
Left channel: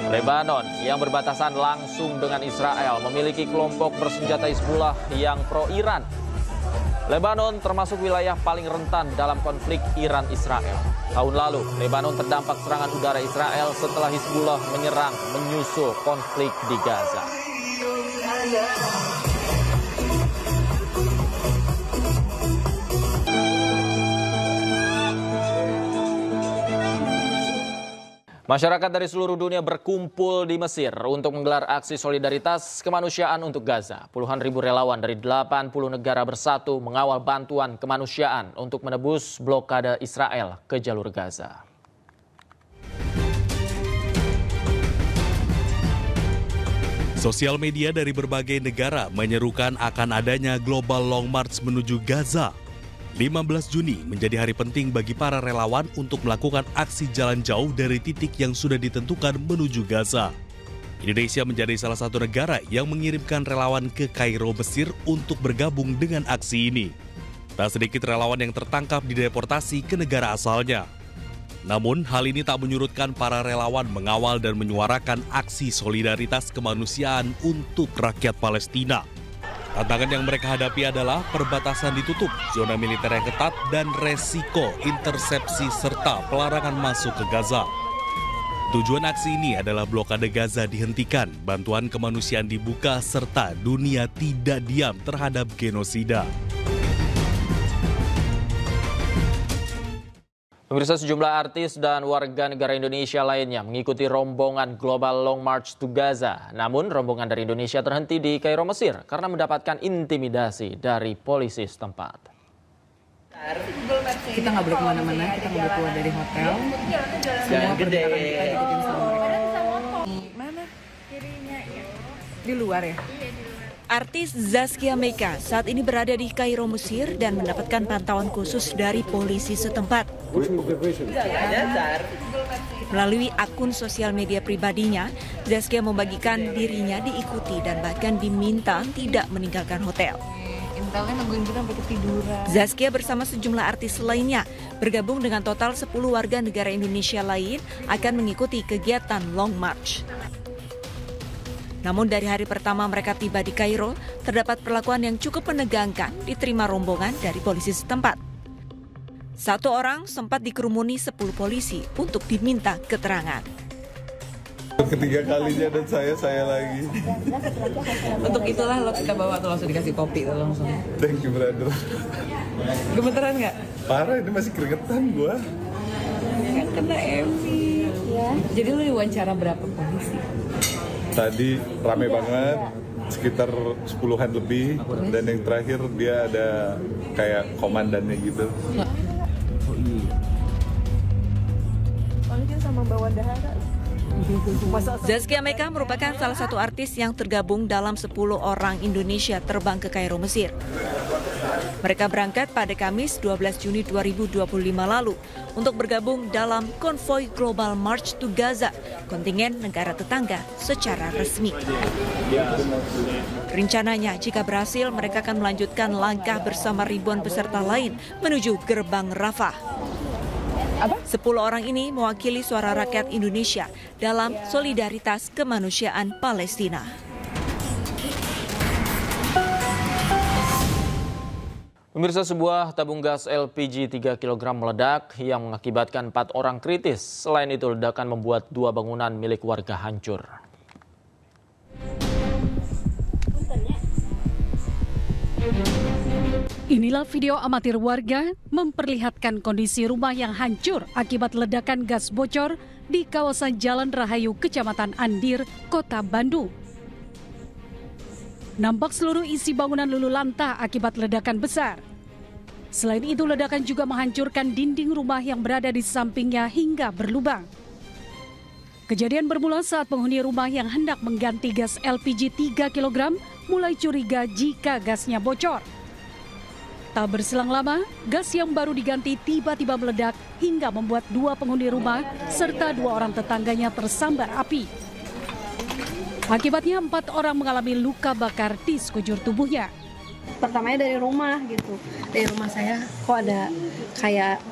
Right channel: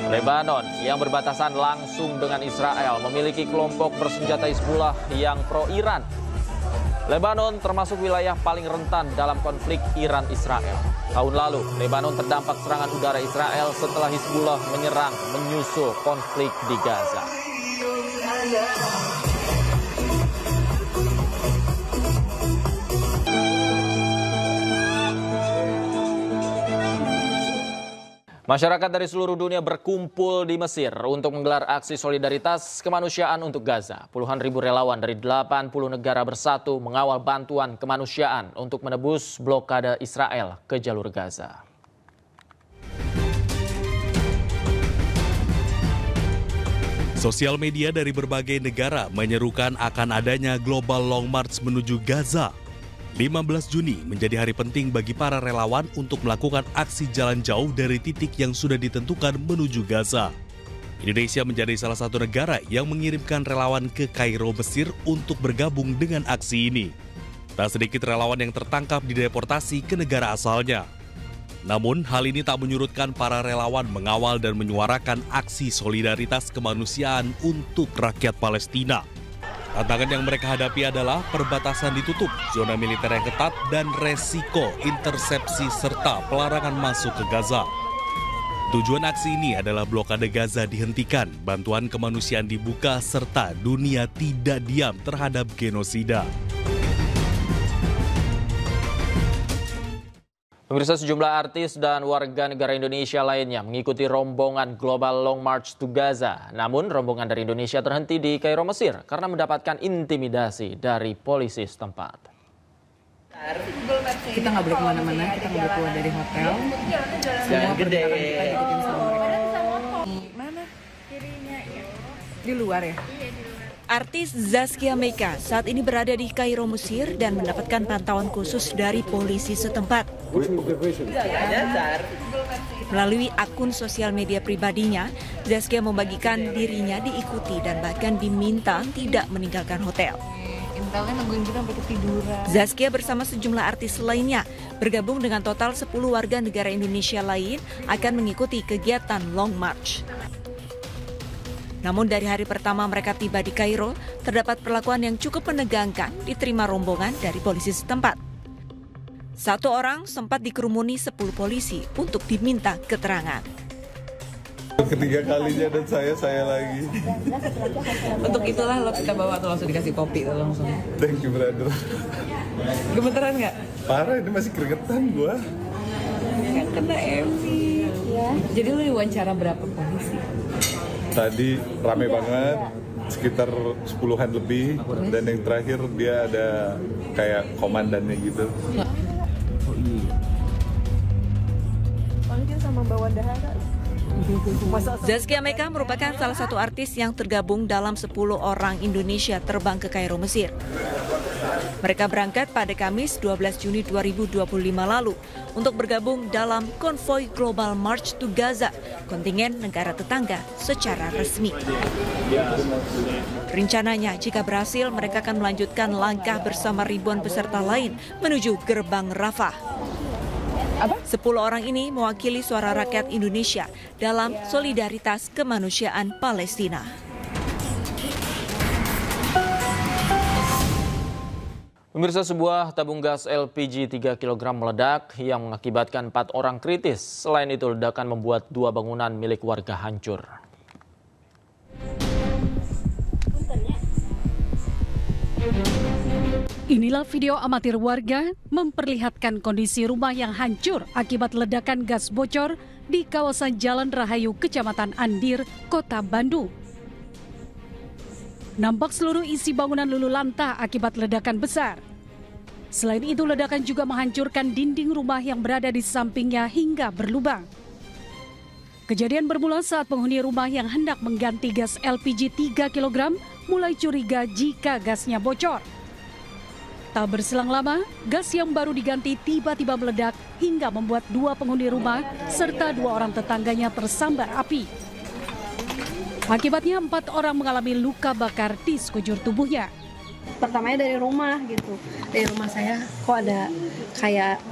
Lebanon yang berbatasan langsung dengan Israel memiliki kelompok bersenjata Hizbullah yang pro-Iran. Lebanon termasuk wilayah paling rentan dalam konflik Iran-Israel. Tahun lalu, Lebanon terdampak serangan udara Israel setelah Hizbullah menyerang menyusul konflik di Gaza. Masyarakat dari seluruh dunia berkumpul di Mesir untuk menggelar aksi solidaritas kemanusiaan untuk Gaza. Puluhan ribu relawan dari 80 negara bersatu mengawal bantuan kemanusiaan untuk menebus blokade Israel ke jalur Gaza. Sosial media dari berbagai negara menyerukan akan adanya Global Long March menuju Gaza. 15 Juni menjadi hari penting bagi para relawan untuk melakukan aksi jalan jauh dari titik yang sudah ditentukan menuju Gaza. Indonesia menjadi salah satu negara yang mengirimkan relawan ke Kairo, Mesir untuk bergabung dengan aksi ini. Tak sedikit relawan yang tertangkap dideportasi ke negara asalnya. Namun, hal ini tak menyurutkan para relawan mengawal dan menyuarakan aksi solidaritas kemanusiaan untuk rakyat Palestina. Tantangan yang mereka hadapi adalah perbatasan ditutup, zona militer yang ketat, dan resiko intersepsi serta pelarangan masuk ke Gaza. Tujuan aksi ini adalah blokade Gaza dihentikan, bantuan kemanusiaan dibuka, serta dunia tidak diam terhadap genosida. Pemirsa, sejumlah artis dan warga negara Indonesia lainnya mengikuti rombongan Global Long March to Gaza. Namun, rombongan dari Indonesia terhenti di Kairo, Mesir karena mendapatkan intimidasi dari polisi setempat. Kita nggak boleh kemana-mana, kita nggak boleh keluar dari hotel. Semua perjalanan kita ikutin semua. Mana? Di luar ya? Artis Zaskia Meka saat ini berada di Kairo, Mesir dan mendapatkan pantauan khusus dari polisi setempat. Melalui akun sosial media pribadinya, Zaskia membagikan dirinya diikuti dan bahkan diminta tidak meninggalkan hotel. Zaskia bersama sejumlah artis lainnya bergabung dengan total 10 warga negara Indonesia lain akan mengikuti kegiatan Long March. Namun dari hari pertama mereka tiba di Kairo, terdapat perlakuan yang cukup menegangkan diterima rombongan dari polisi setempat. Satu orang sempat dikerumuni 10 polisi untuk diminta keterangan. Ketiga kalinya dan saya lagi. Untuk itulah lo kita bawa tuh langsung dikasih kopi tuh langsung. Thank you, brother. Gemeteran nggak? Parah, ini masih keringetan gua. Kena Evi. Ya. Jadi lu diwawancara berapa polisi? Tadi rame banget, sekitar 10-an lebih, dan yang terakhir dia ada kayak komandannya gitu. Sama bawa dahara. Zaskia Meka merupakan salah satu artis yang tergabung dalam 10 orang Indonesia terbang ke Kairo, Mesir. Mereka berangkat pada Kamis 12 Juni 2025 lalu untuk bergabung dalam konvoi Global March to Gaza, kontingen negara tetangga secara resmi. Rencananya, jika berhasil, mereka akan melanjutkan langkah bersama ribuan peserta lain menuju gerbang Rafah. 10 orang ini mewakili suara rakyat Indonesia dalam solidaritas kemanusiaan Palestina. Pemirsa, sebuah tabung gas LPG 3 kg meledak yang mengakibatkan 4 orang kritis. Selain itu, ledakan membuat 2 bangunan milik warga hancur. Inilah video amatir warga memperlihatkan kondisi rumah yang hancur akibat ledakan gas bocor di kawasan Jalan Rahayu, Kecamatan Andir, Kota Bandung. Nampak seluruh isi bangunan luluh lantah akibat ledakan besar. Selain itu, ledakan juga menghancurkan dinding rumah yang berada di sampingnya hingga berlubang. Kejadian bermula saat penghuni rumah yang hendak mengganti gas LPG 3 kg mulai curiga jika gasnya bocor. Tak berselang lama, gas yang baru diganti tiba-tiba meledak hingga membuat 2 penghuni rumah serta 2 orang tetangganya tersambar api. Akibatnya 4 orang mengalami luka bakar di sekujur tubuhnya. Pertamanya dari rumah gitu, dari rumah saya kok ada kayak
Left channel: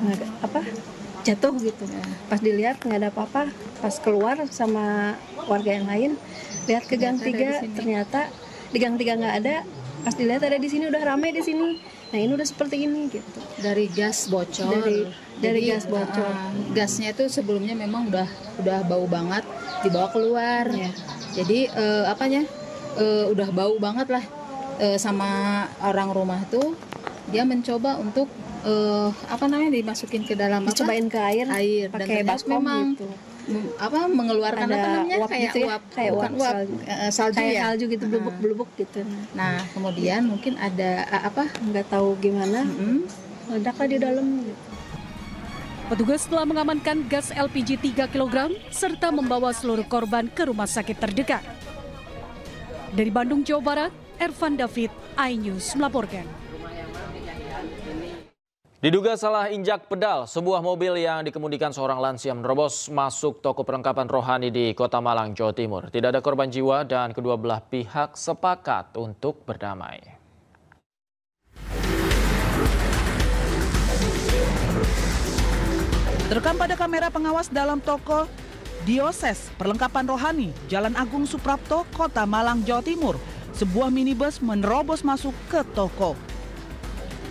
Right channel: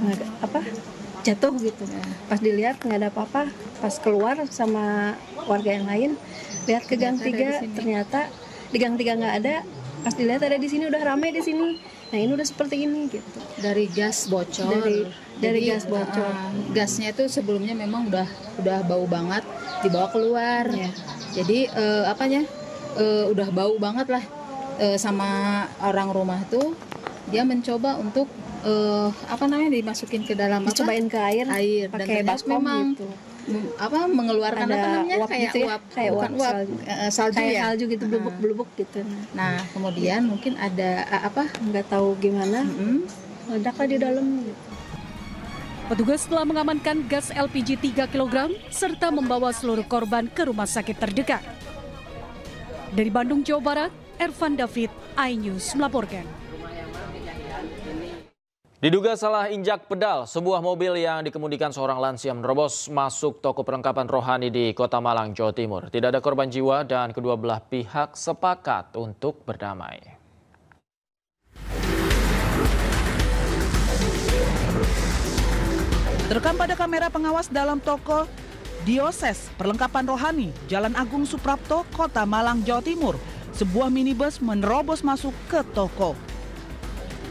jatuh gitu. Pas dilihat nggak ada apa-apa, pas keluar sama warga yang lain lihat ke gang 3, ternyata di gang 3 nggak ada. Pas dilihat ada di sini, udah ramai di sini. Nah ini udah seperti ini gitu. Dari gas bocor. Dari gas bocor. Gasnya itu sebelumnya memang udah bau banget, dibawa keluar. Ya. Jadi udah bau banget lah. Sama orang rumah tuh dia mencoba untuk dimasukin ke dalam dicobain ke air dan ternyata memang gitu. Mengeluarkan salju gitu, blubuk gitu. Nah kemudian mungkin ada nggak tahu gimana ledaklah di dalam gitu. Petugas telah mengamankan gas LPG 3 kg serta membawa seluruh korban ke rumah sakit terdekat. Dari Bandung, Jawa Barat, Ervan David, iNews melaporkan. Diduga salah injak pedal, sebuah mobil yang dikemudikan seorang lansia menerobos masuk toko perlengkapan rohani di Kota Malang, Jawa Timur. Tidak ada korban jiwa dan kedua belah pihak sepakat untuk berdamai. Terekam pada kamera pengawas dalam toko Dioses Perlengkapan Rohani, Jalan Agung Suprapto, Kota Malang, Jawa Timur. Sebuah minibus menerobos masuk ke toko.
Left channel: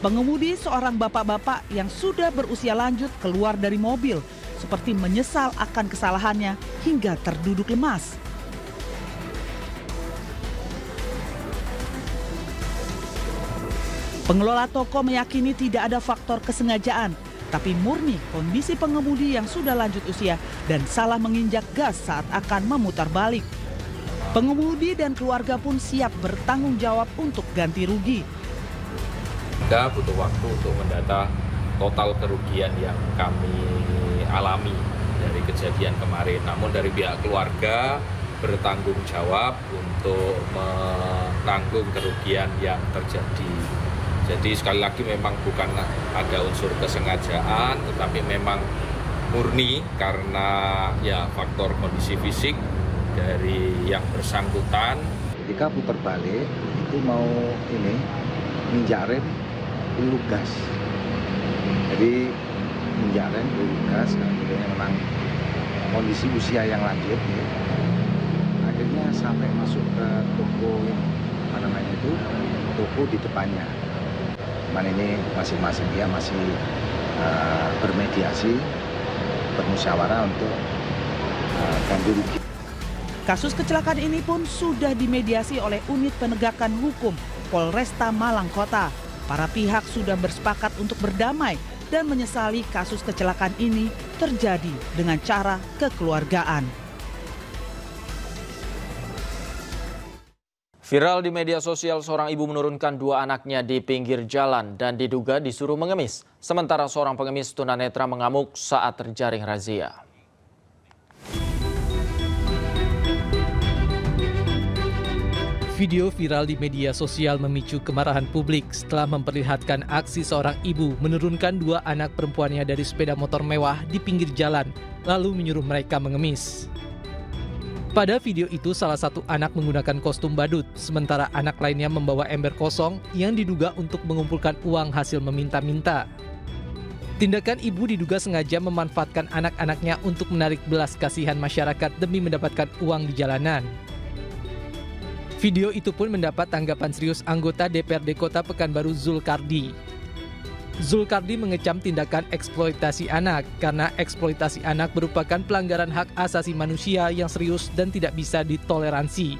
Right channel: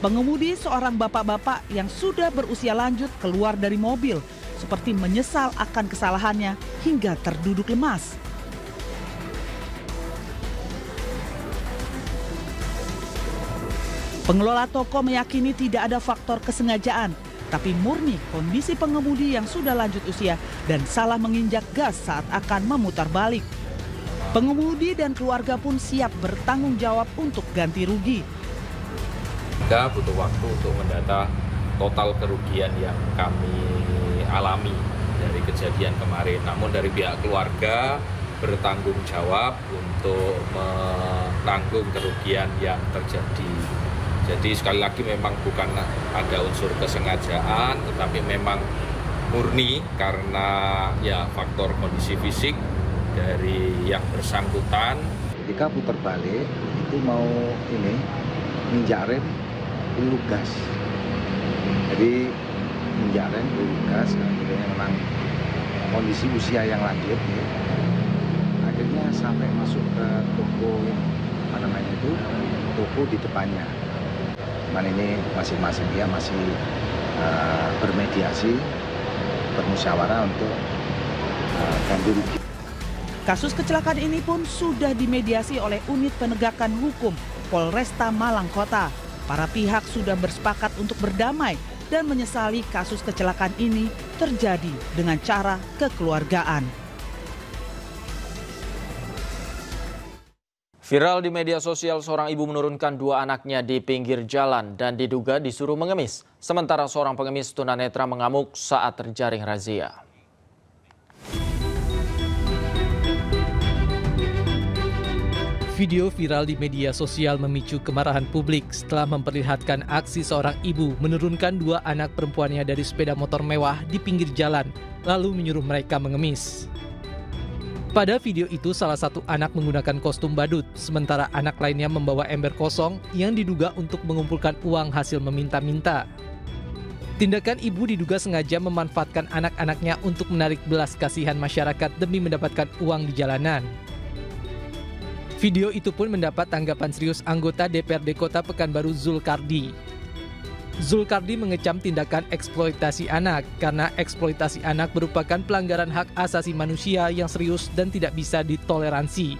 Pengemudi seorang bapak-bapak yang sudah berusia lanjut keluar dari mobil, seperti menyesal akan kesalahannya hingga terduduk lemas. Pengelola toko meyakini tidak ada faktor kesengajaan, tapi murni kondisi pengemudi yang sudah lanjut usia dan salah menginjak gas saat akan memutar balik. Pengemudi dan keluarga pun siap bertanggung jawab untuk ganti rugi. Kita butuh waktu untuk mendata total kerugian yang kami alami dari kejadian kemarin. Namun dari pihak keluarga bertanggung jawab untuk menanggung kerugian yang terjadi. Jadi sekali lagi memang bukan ada unsur kesengajaan, tetapi memang murni karena faktor kondisi fisik dari yang bersangkutan. Ketika putar balik itu mau minjak rem peluru gas. Jadi minjak rem peluru gas, memang kondisi usia yang lanjut. Akhirnya sampai masuk ke toko toko di depannya. Cuman ini masing-masing dia masih bermediasi, bermusyawarah untuk ganti rugi. Kasus kecelakaan ini pun sudah dimediasi oleh Unit Penegakan Hukum Polresta Malang Kota. Para pihak sudah bersepakat untuk berdamai dan menyesali kasus kecelakaan ini terjadi dengan cara kekeluargaan. Viral di media sosial, seorang ibu menurunkan 2 anaknya di pinggir jalan dan diduga disuruh mengemis. Sementara seorang pengemis tunanetra mengamuk saat terjaring razia. Video viral di media sosial memicu kemarahan publik setelah memperlihatkan aksi seorang ibu menurunkan 2 anak perempuannya dari sepeda motor mewah di pinggir jalan, lalu menyuruh mereka mengemis. Pada video itu, salah satu anak menggunakan kostum badut, sementara anak lainnya membawa ember kosong yang diduga untuk mengumpulkan uang hasil meminta-minta. Tindakan ibu diduga sengaja memanfaatkan anak-anaknya untuk menarik belas kasihan masyarakat demi mendapatkan uang di jalanan. Video itu pun mendapat tanggapan serius anggota DPRD Kota Pekanbaru Zulkardi. Zulkardi mengecam tindakan eksploitasi anak karena eksploitasi anak merupakan pelanggaran hak asasi manusia yang serius dan tidak bisa ditoleransi.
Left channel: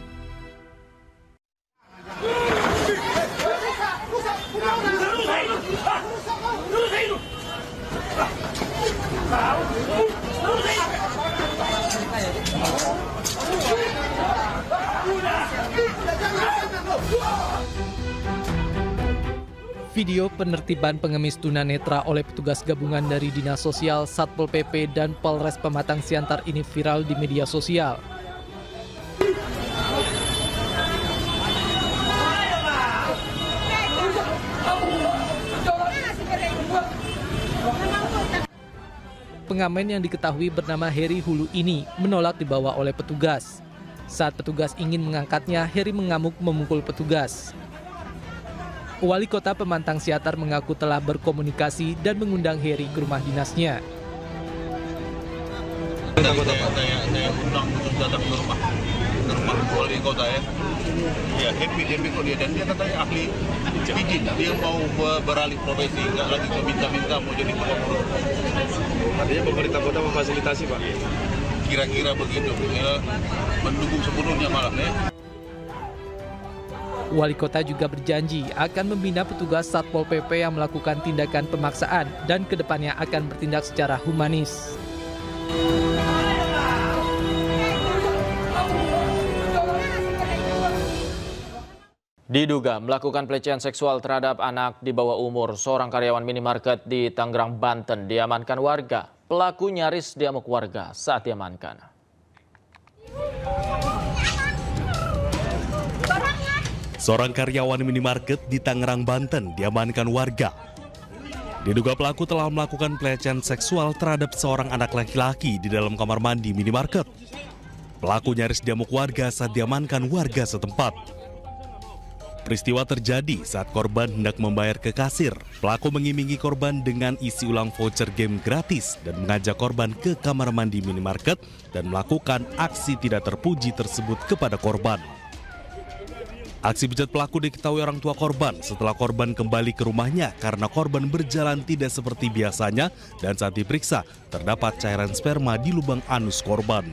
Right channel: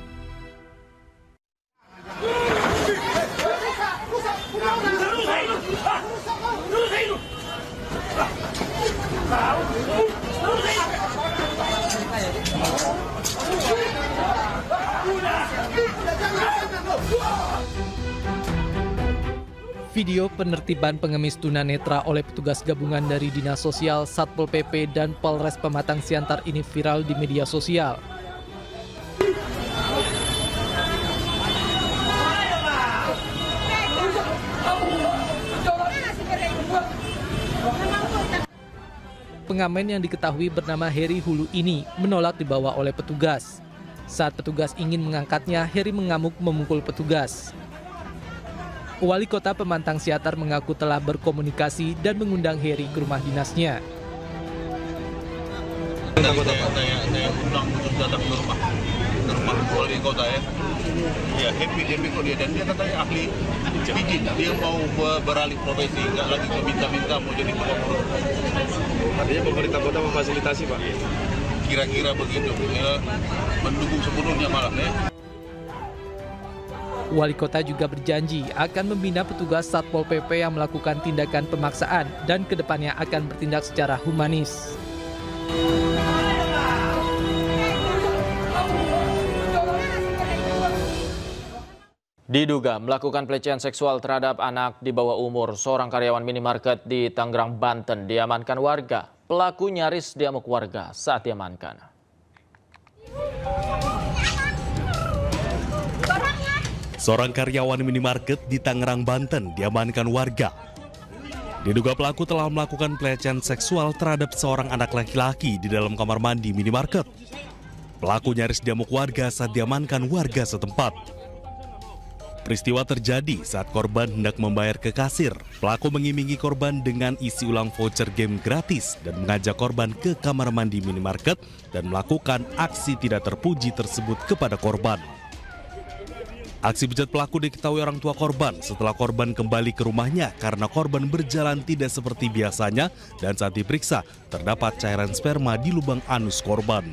Video penertiban pengemis tunanetra oleh petugas gabungan dari Dinas Sosial, Satpol PP, dan Polres Pematang Siantar ini viral di media sosial. Pengamen yang diketahui bernama Heri Hulu ini menolak dibawa oleh petugas. Saat petugas ingin mengangkatnya, Heri mengamuk memukul petugas. Wali Kota Pemantang Siatar mengaku telah berkomunikasi dan mengundang Heri ke rumah dinasnya. Saya undang datang ke rumah wali kota ya. Iya, happy kok dia, dan dia katanya ahli izin, dia mau beralih profesi, nggak lagi ke minta-minta mau jadi gubernur. Artinya pemerintah kota memfasilitasi Pak? Kira-kira begitu, ya, mendukung sepenuhnya malah ya. Wali kota juga berjanji akan membina petugas Satpol PP yang melakukan tindakan pemaksaan dan kedepannya akan bertindak secara humanis. Diduga melakukan pelecehan seksual terhadap anak di bawah umur, seorang karyawan minimarket di Tangerang, Banten diamankan warga. Pelaku nyaris diamuk warga saat diamankan. Seorang karyawan minimarket di Tangerang, Banten diamankan warga. Diduga pelaku telah melakukan pelecehan seksual terhadap seorang anak laki-laki di dalam kamar mandi minimarket. Pelaku nyaris diamuk warga saat diamankan warga setempat. Peristiwa terjadi saat korban hendak membayar ke kasir. Pelaku mengiming-imingi korban dengan isi ulang voucher game gratis dan mengajak korban ke kamar mandi minimarket dan melakukan aksi tidak terpuji tersebut kepada korban. Aksi bejat pelaku diketahui orang tua korban setelah korban kembali ke rumahnya karena korban berjalan tidak seperti biasanya dan saat diperiksa terdapat cairan sperma di lubang anus korban.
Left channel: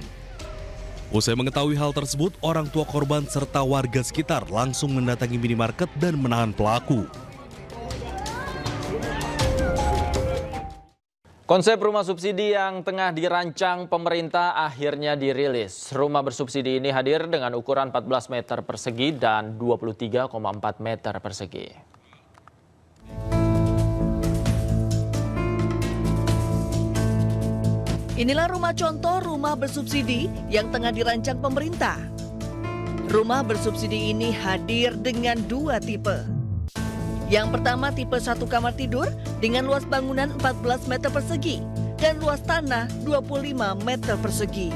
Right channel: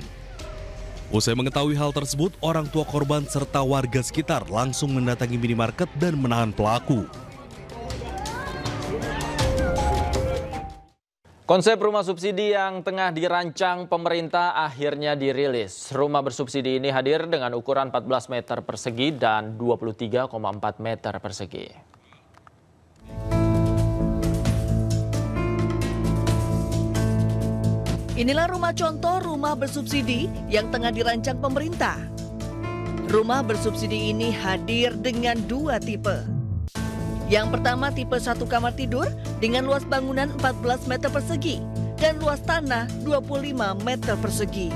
Usai mengetahui hal tersebut, orang tua korban serta warga sekitar langsung mendatangi minimarket dan menahan pelaku. Konsep rumah subsidi yang tengah dirancang pemerintah akhirnya dirilis. Rumah bersubsidi ini hadir dengan ukuran 14 meter persegi dan 23,4 meter persegi. Inilah rumah contoh rumah bersubsidi yang tengah dirancang pemerintah. Rumah bersubsidi ini hadir dengan dua tipe. Yang pertama tipe 1 kamar tidur dengan luas bangunan 14 meter persegi dan luas tanah 25 meter persegi.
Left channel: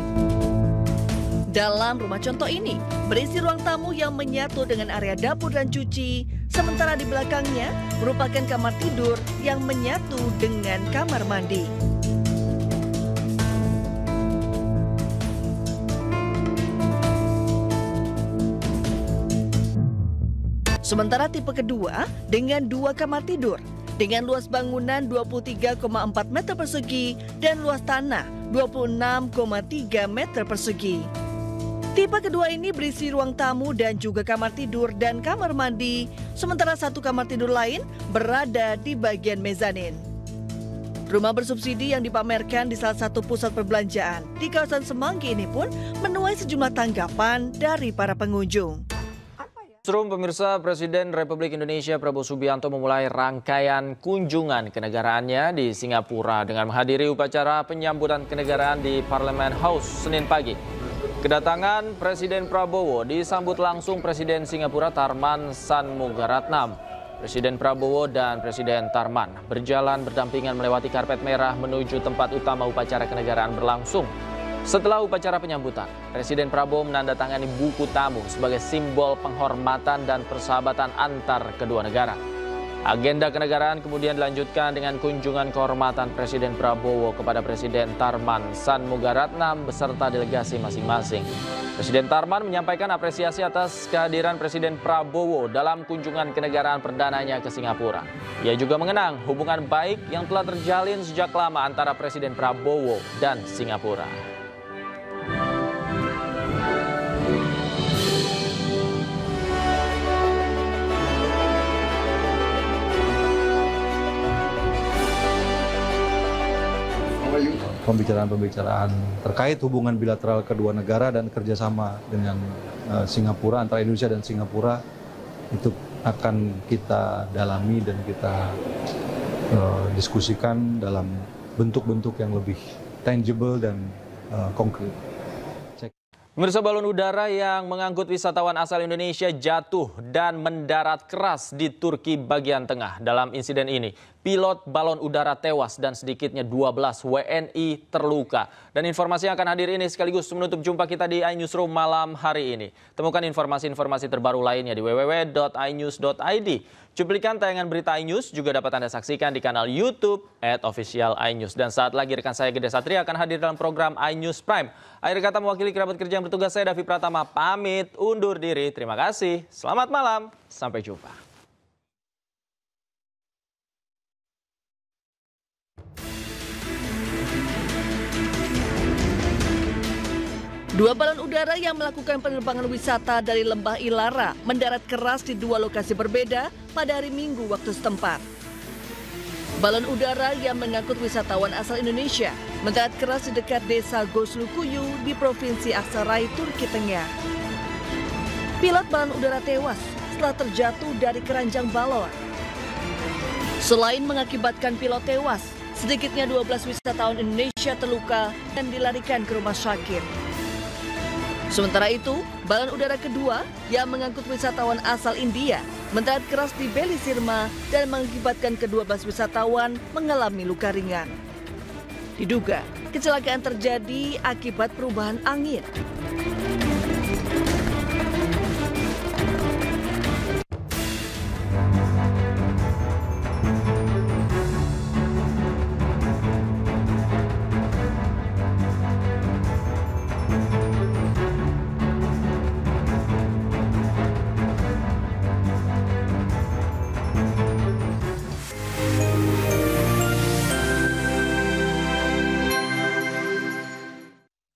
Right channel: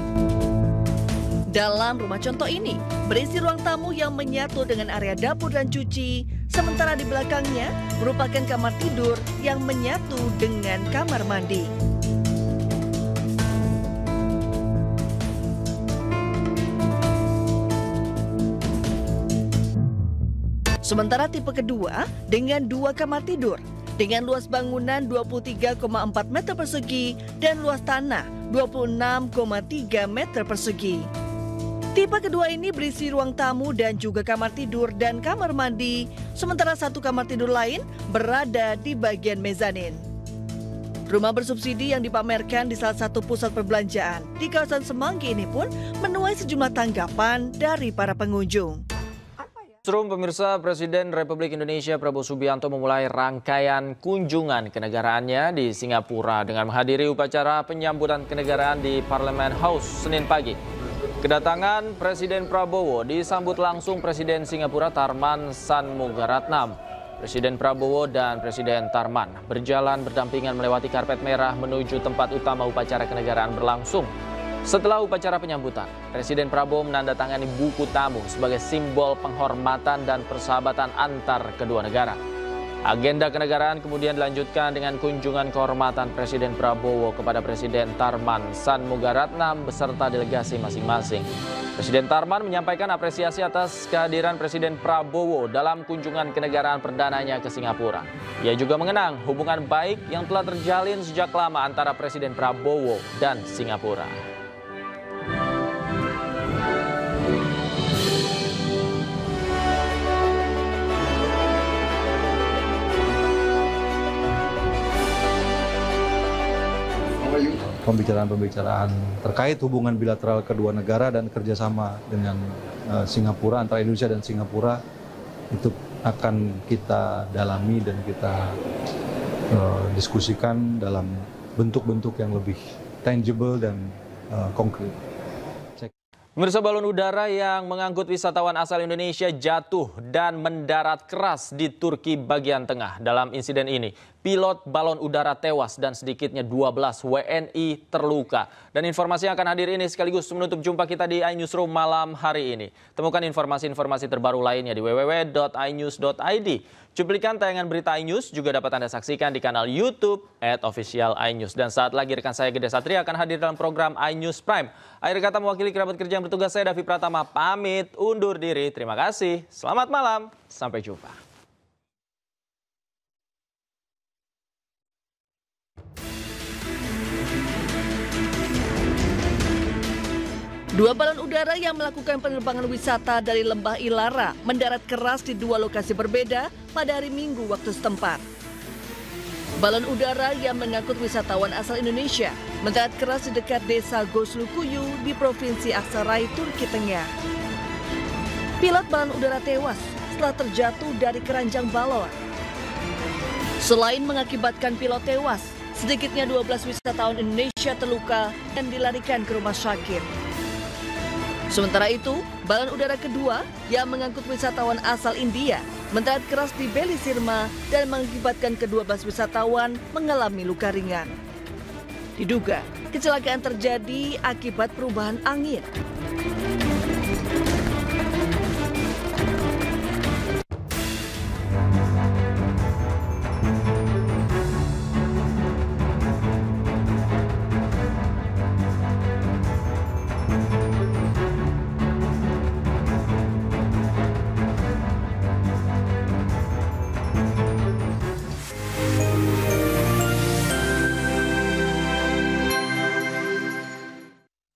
Dalam rumah contoh ini berisi ruang tamu yang menyatu dengan area dapur dan cuci, sementara di belakangnya merupakan kamar tidur yang menyatu dengan kamar mandi. Sementara tipe kedua dengan 2 kamar tidur dengan luas bangunan 23,4 meter persegi dan luas tanah 26,3 meter persegi. Tipe kedua ini berisi ruang tamu dan juga kamar tidur dan kamar mandi, sementara 1 kamar tidur lain berada di bagian mezanin. Rumah bersubsidi yang dipamerkan di salah satu pusat perbelanjaan di kawasan Semanggi ini pun menuai sejumlah tanggapan dari para pengunjung. Pemirsa, Presiden Republik Indonesia Prabowo Subianto memulai rangkaian kunjungan kenegaraannya di Singapura dengan menghadiri upacara penyambutan kenegaraan di Parliament House Senin pagi. Kedatangan Presiden Prabowo disambut langsung Presiden Singapura Tharman Shanmugaratnam. Presiden Prabowo dan Presiden Tharman berjalan berdampingan melewati karpet merah menuju tempat utama upacara kenegaraan berlangsung. Setelah upacara penyambutan, Presiden Prabowo menandatangani buku tamu sebagai simbol penghormatan dan persahabatan antar kedua negara. Agenda kenegaraan kemudian dilanjutkan dengan kunjungan kehormatan Presiden Prabowo kepada Presiden Tharman Shanmugaratnam beserta delegasi masing-masing. Presiden Tharman menyampaikan apresiasi atas kehadiran Presiden Prabowo dalam kunjungan kenegaraan perdananya ke Singapura. Ia juga mengenang hubungan baik yang telah terjalin sejak lama antara Presiden Prabowo dan Singapura. Pembicaraan-pembicaraan terkait hubungan bilateral kedua negara dan kerjasama dengan Singapura, antara Indonesia dan Singapura itu akan kita dalami dan kita diskusikan dalam bentuk-bentuk yang lebih tangible dan konkret. Pemirsa, balon udara yang mengangkut wisatawan asal Indonesia jatuh dan mendarat keras di Turki bagian tengah. Dalam insiden ini, pilot balon udara tewas dan sedikitnya 12 WNI terluka. Dan informasi yang akan hadir ini sekaligus menutup jumpa kita di iNewsroom malam hari ini. Temukan informasi-informasi terbaru lainnya di www.inews.id. Cuplikan tayangan berita iNews juga dapat Anda saksikan di kanal YouTube @official iNews. Dan saat lagi rekan saya Gede Satria akan hadir dalam program iNews Prime. Akhir kata mewakili kerabat kerja yang bertugas, saya Davi Pratama pamit undur diri. Terima kasih. Selamat malam. Sampai jumpa. Dua balon udara yang melakukan penerbangan wisata dari Lembah Ilara mendarat keras di dua lokasi berbeda pada hari Minggu waktu setempat. Balon udara yang mengangkut wisatawan asal Indonesia mendarat keras di dekat desa Goslukuyu di Provinsi Aksaray, Turki Tengah. Pilot balon udara tewas setelah terjatuh dari keranjang balon. Selain mengakibatkan pilot tewas, sedikitnya 12 wisatawan Indonesia terluka dan dilarikan ke rumah sakit. Sementara itu, balon udara kedua yang mengangkut wisatawan asal India mendarat keras di Beli Sirma dan mengakibatkan ke-12 wisatawan mengalami luka ringan. Diduga, kecelakaan terjadi akibat perubahan angin.